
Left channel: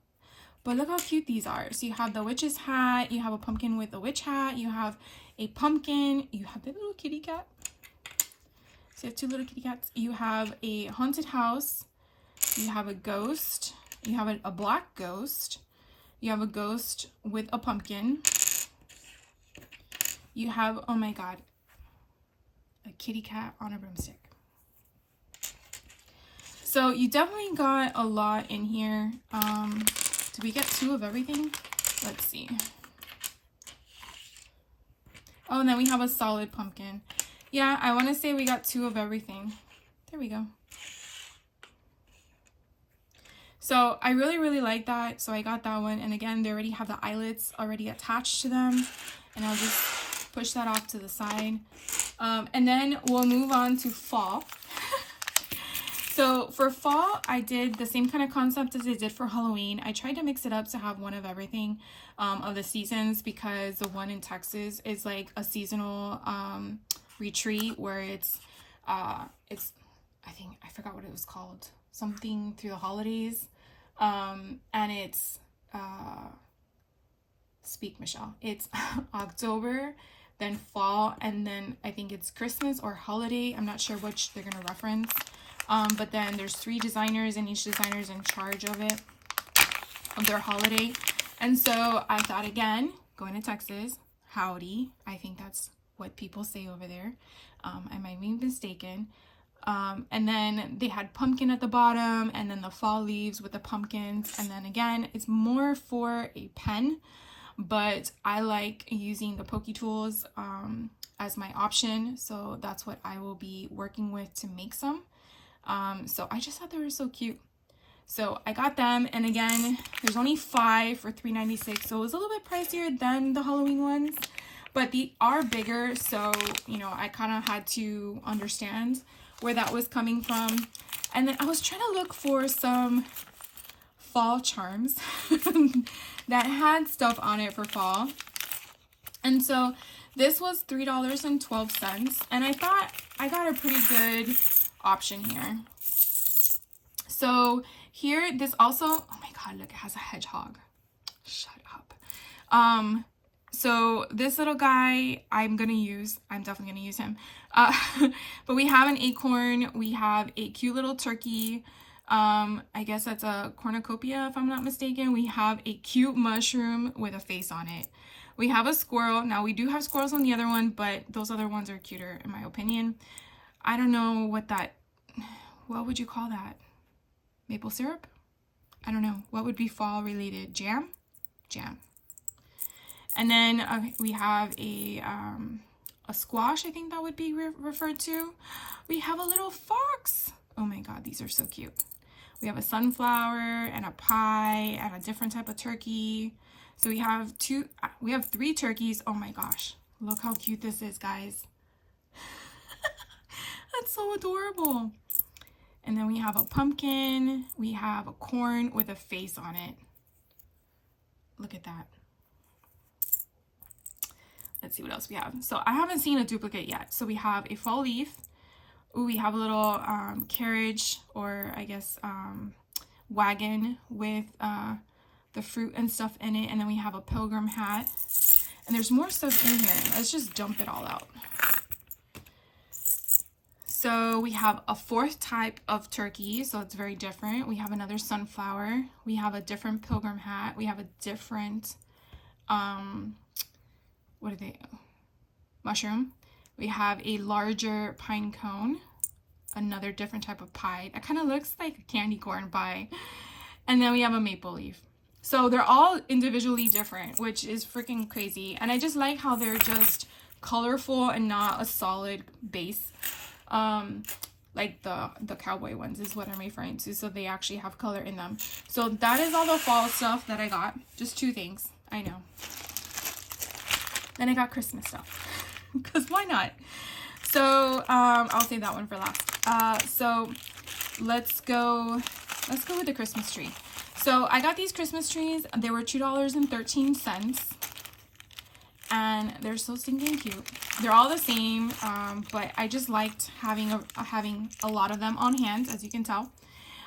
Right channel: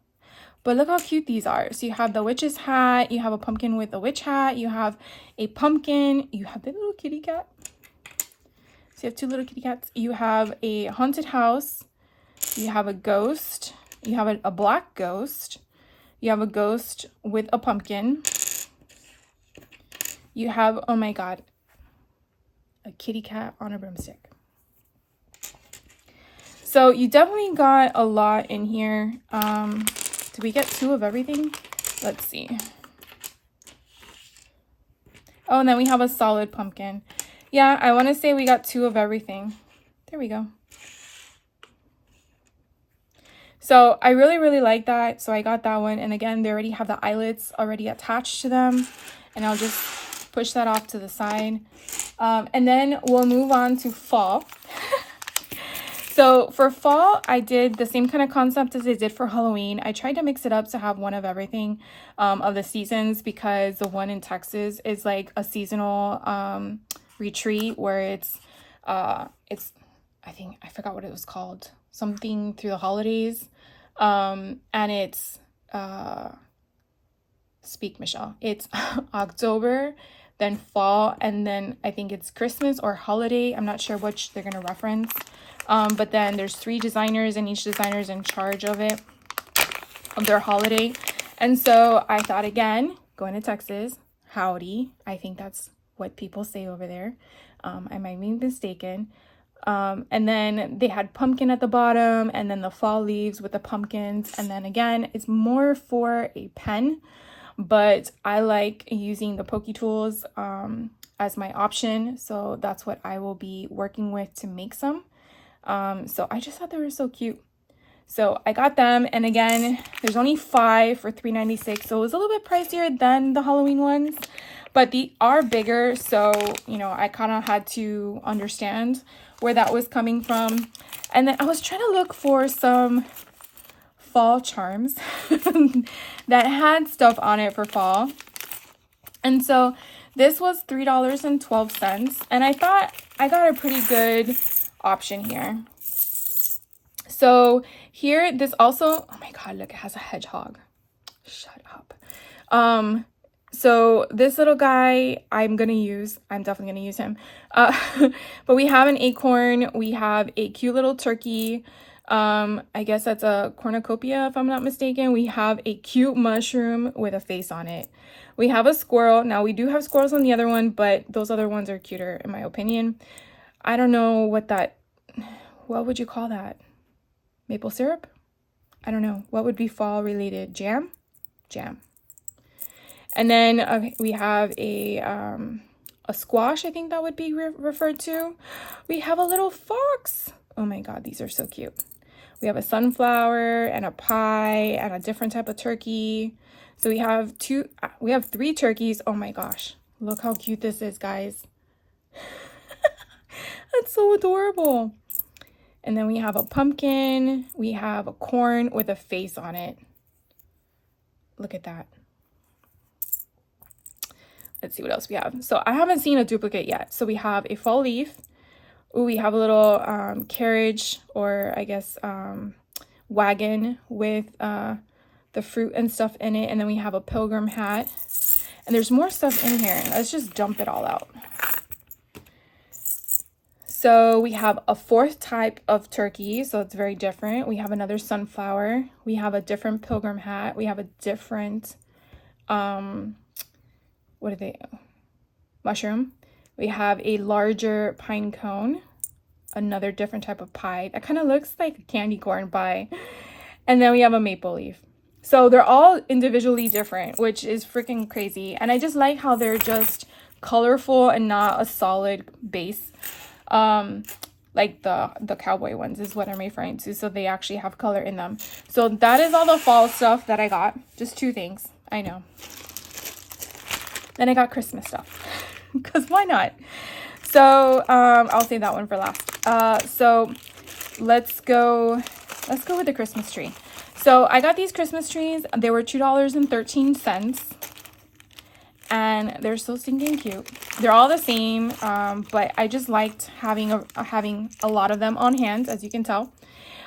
but look how cute these are. So you have the witch's hat, you have a pumpkin with a witch hat, you have a pumpkin, you have the little kitty cat. So you have 2 little kitty cats. You have a haunted house, you have a ghost, you have a black ghost, you have a ghost with a pumpkin, you have, oh my god, a kitty cat on a broomstick. So you definitely got a lot in here. Did we get 2 of everything? Let's see. Oh, and then we have a solid pumpkin. Yeah, I want to say we got 2 of everything. There we go. So I really like that. So I got that one. And again, they already have the eyelets already attached to them. And I'll just push that off to the side. And then we'll move on to fall. So for fall, I did the same kind of concept as I did for Halloween. I tried to mix it up to have one of everything of the seasons, because the one in Texas is like a seasonal retreat where it's I think I forgot what it was called, something through the holidays, and it's speak Michelle, it's October, then fall, and then I think it's Christmas or holiday. I'm not sure which they're gonna reference. But then there's 3 designers, and each designer is in charge of it, of their holiday. And so I thought, again, going to Texas, howdy, I think that's what people say over there. I might be mistaken. And then they had pumpkin at the bottom, and then the fall leaves with the pumpkins. And then again, it's more for a pen, but I like using the pokey tools as my option. So that's what I will be working with to make some. So I just thought they were so cute. So I got them, and again, there's only 5 for $3.96, so it was a little bit pricier than the Halloween ones, but they are bigger, so you know, I kind of had to understand where that was coming from. And then I was trying to look for some fall charms that had stuff on it for fall, and so this was $3.12, and I thought I got a pretty good option here. So here, this also, oh my god, look, it has a hedgehog. Shut up. So this little guy I'm definitely gonna use him. But we have an acorn, we have a cute little turkey, I guess that's a cornucopia if I'm not mistaken. We have a cute mushroom with a face on it. We have a squirrel. Now we do have squirrels on the other one, but those other ones are cuter in my opinion. I don't know what would you call that? Maple syrup? I don't know. What would be fall related? Jam? Jam. And then we have a squash, I think that would be referred to. We have a little fox. Oh my god, these are so cute. We have a sunflower and a pie and a different type of turkey. So we have 3 turkeys. Oh my gosh. Look how cute this is, guys. That's so adorable. And then we have a pumpkin. We have a corn with a face on it. Look at that. let's see what else we have. So I haven't seen a duplicate yet. So we have a fall leaf. Ooh, we have a little carriage, or I guess wagon with the fruit and stuff in it. And then we have a pilgrim hat. And there's more stuff in here. Let's just dump it all out. So we have a fourth type of turkey, so it's very different. We have another sunflower. We have a different pilgrim hat. We have a different, what are they? Mushroom. We have a larger pine cone, another different type of pie. That kind of looks like a candy corn pie. And then we have a maple leaf. So they're all individually different, which is freaking crazy. And I just like how they're just colorful and not a solid base. Like the cowboy ones is what I'm referring to. So they actually have color in them. So that is all the fall stuff that I got. Just 2 things. I know. Then I got Christmas stuff. Because why not? So I'll save that one for last. So let's go with the Christmas tree. So I got these Christmas trees. They were $2.13. And they're so stinking cute. They're all the same, but I just liked having a lot of them on hand, as you can tell.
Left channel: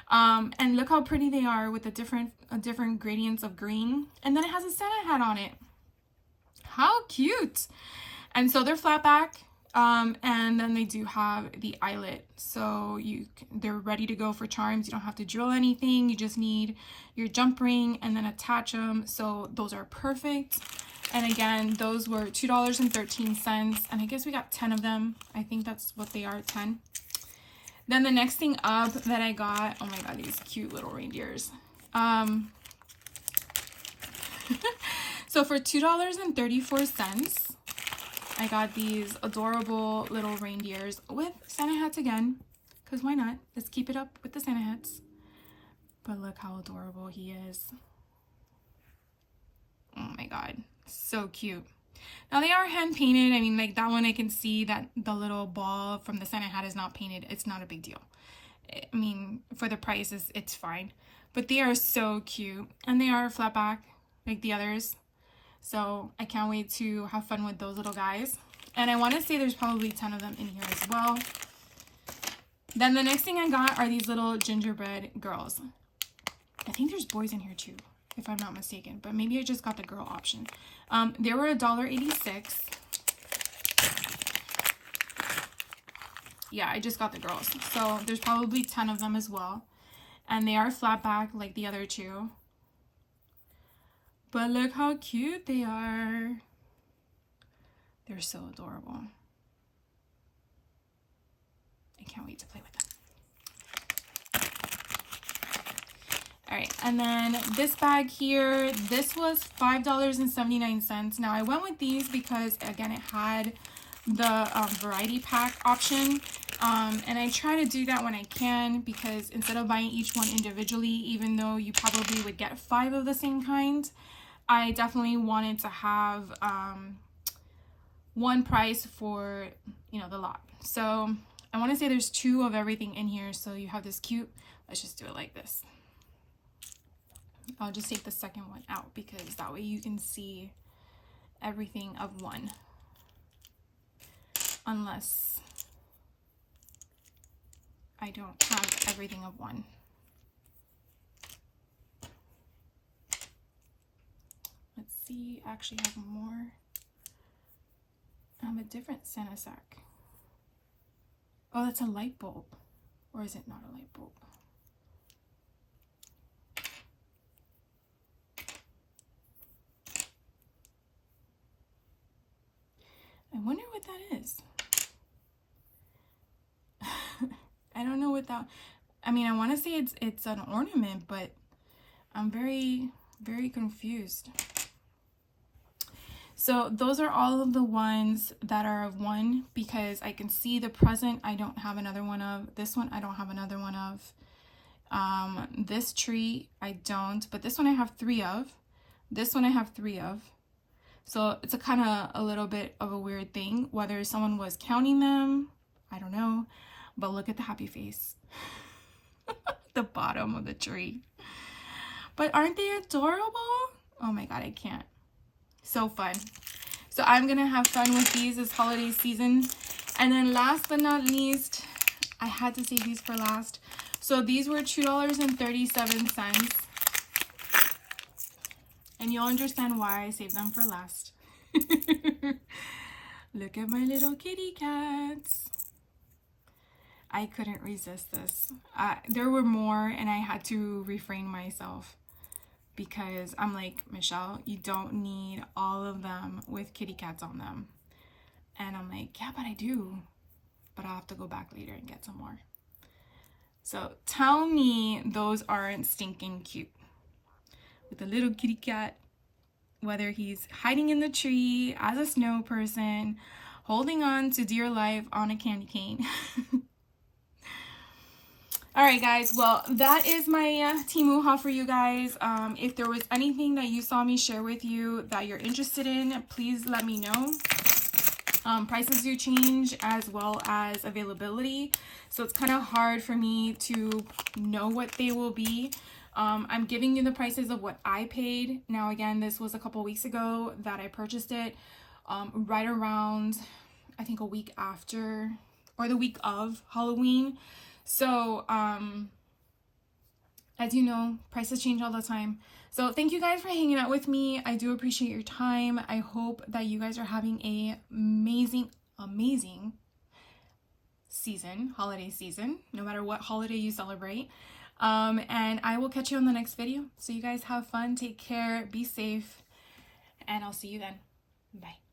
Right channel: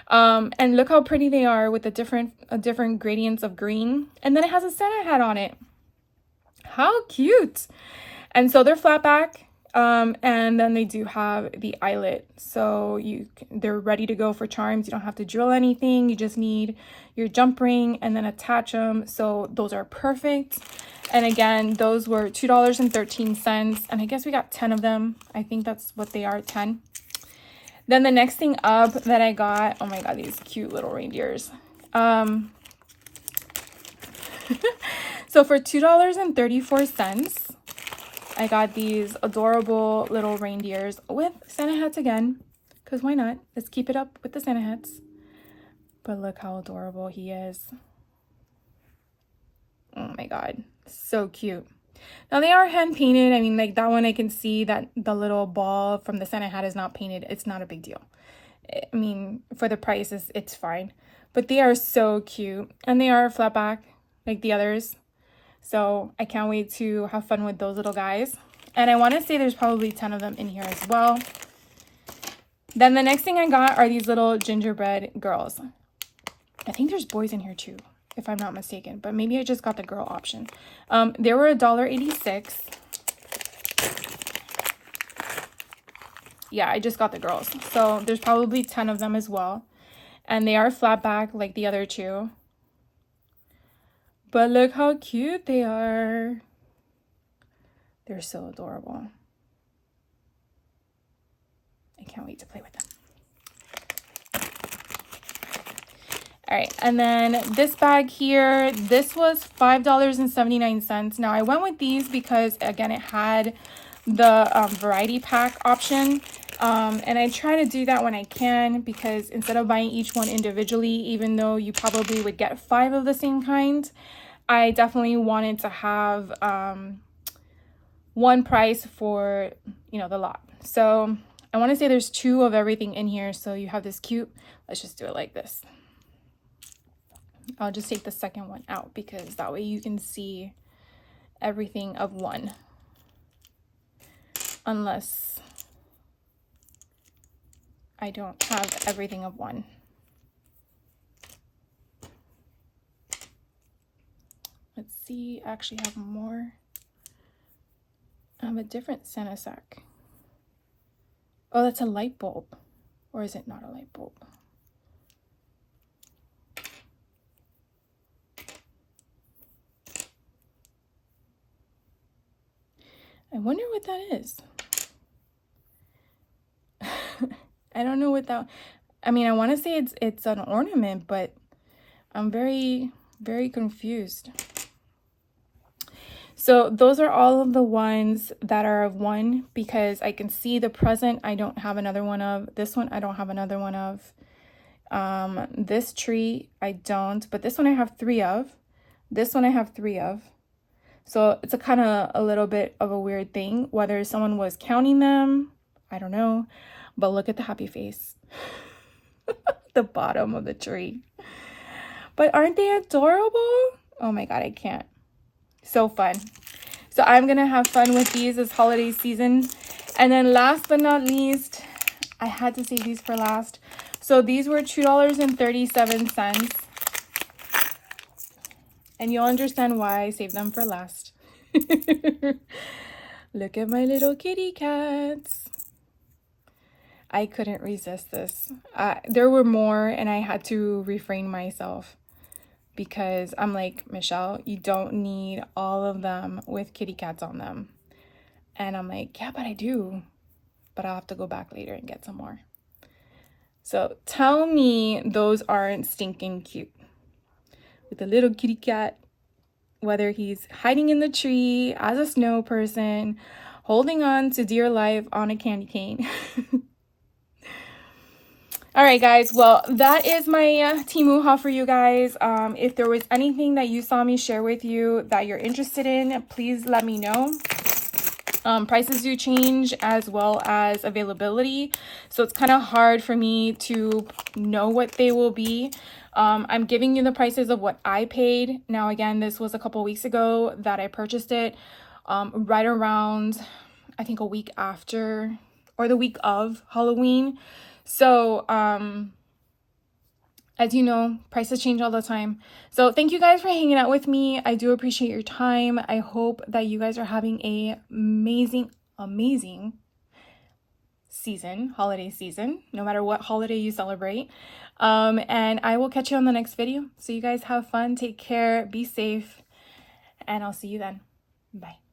And look how pretty they are with the different gradients of green. And then it has a Santa hat on it. How cute! And so they're flat back, and then they do have the eyelet. So they're ready to go for charms. You don't have to drill anything. You just need your jump ring and then attach them. So those are perfect. And again, those were $2.13. And I guess we got 10 of them. I think that's what they are, 10. Then the next thing up that I got, oh my God, these cute little reindeers. So for $2.34, I got these adorable little reindeers with Santa hats again. Because why not? Let's keep it up with the Santa hats. But look how adorable he is. Oh my God. So cute. Now they are hand painted. I mean, like that one I can see that the little ball from the Santa hat is not painted. It's not a big deal. I mean, for the price, it's fine. But they are so cute. And they are flat back like the others. So I can't wait to have fun with those little guys. And I want to say there's probably 10 of them in here as well. Then the next thing I got are these little gingerbread girls. I think there's boys in here too, if I'm not mistaken, but maybe I just got the girl option. They were $1.86. Yeah, I just got the girls. So there's probably 10 of them as well. And they are flat back like the other 2. But look how cute they are. They're so adorable. I can't wait to play with them. All right, and then this bag here, this was $5.79. Now I went with these because again, it had the variety pack option. And I try to do that when I can, because instead of buying each one individually, even though you probably would get 5 of the same kind, I definitely wanted to have one price for, you know, the lot. So I want to say there's 2 of everything in here. So you have this cute, let's just do it like this. I'll just take the second one out because that way you can see everything of one. Unless I don't have everything of one. Let's see, I actually have more. I have a different Santa sack. Oh, that's a light bulb. Or is it not a light bulb? I wonder what that is. I don't know what that, I mean, I want to say it's an ornament, but I'm very, very confused. So those are all of the ones that are of one, because I can see the present I don't have another one of. This one I don't have another one of. This tree I don't, but this one I have 3 of. This one I have 3 of. So it's a kind of a little bit of a weird thing, whether someone was counting them, I don't know. But look at the happy face. The bottom of the tree. But aren't they adorable? Oh my God, I can't. So fun. So I'm gonna have fun with these this holiday season. And then last but not least, I had to save these for last. So these were $2.37. And you'll understand why I saved them for last. Look at my little kitty cats. I couldn't resist this. There were more and I had to refrain myself because I'm like, Michelle, you don't need all of them with kitty cats on them. And I'm like, yeah, but I do. But I'll have to go back later and get some more. So tell me those aren't stinking cute. With a little kitty cat, whether he's hiding in the tree as a snow person, holding on to dear life on a candy cane. All right, guys. Well, that is my Temu haul for you guys. If there was anything that you saw me share with you that you're interested in, please let me know. Prices do change as well as availability. So it's kind of hard for me to know what they will be. I'm giving you the prices of what I paid. Now, again, this was a couple weeks ago that I purchased it, right around, I think, a week after or the week of Halloween. So, as you know, prices change all the time. So thank you guys for hanging out with me. I do appreciate your time. I hope that you guys are having a amazing season, holiday season, no matter what holiday you celebrate. And I will catch you on the next video. So you guys have fun, take care, be safe, and I'll see you then. Bye.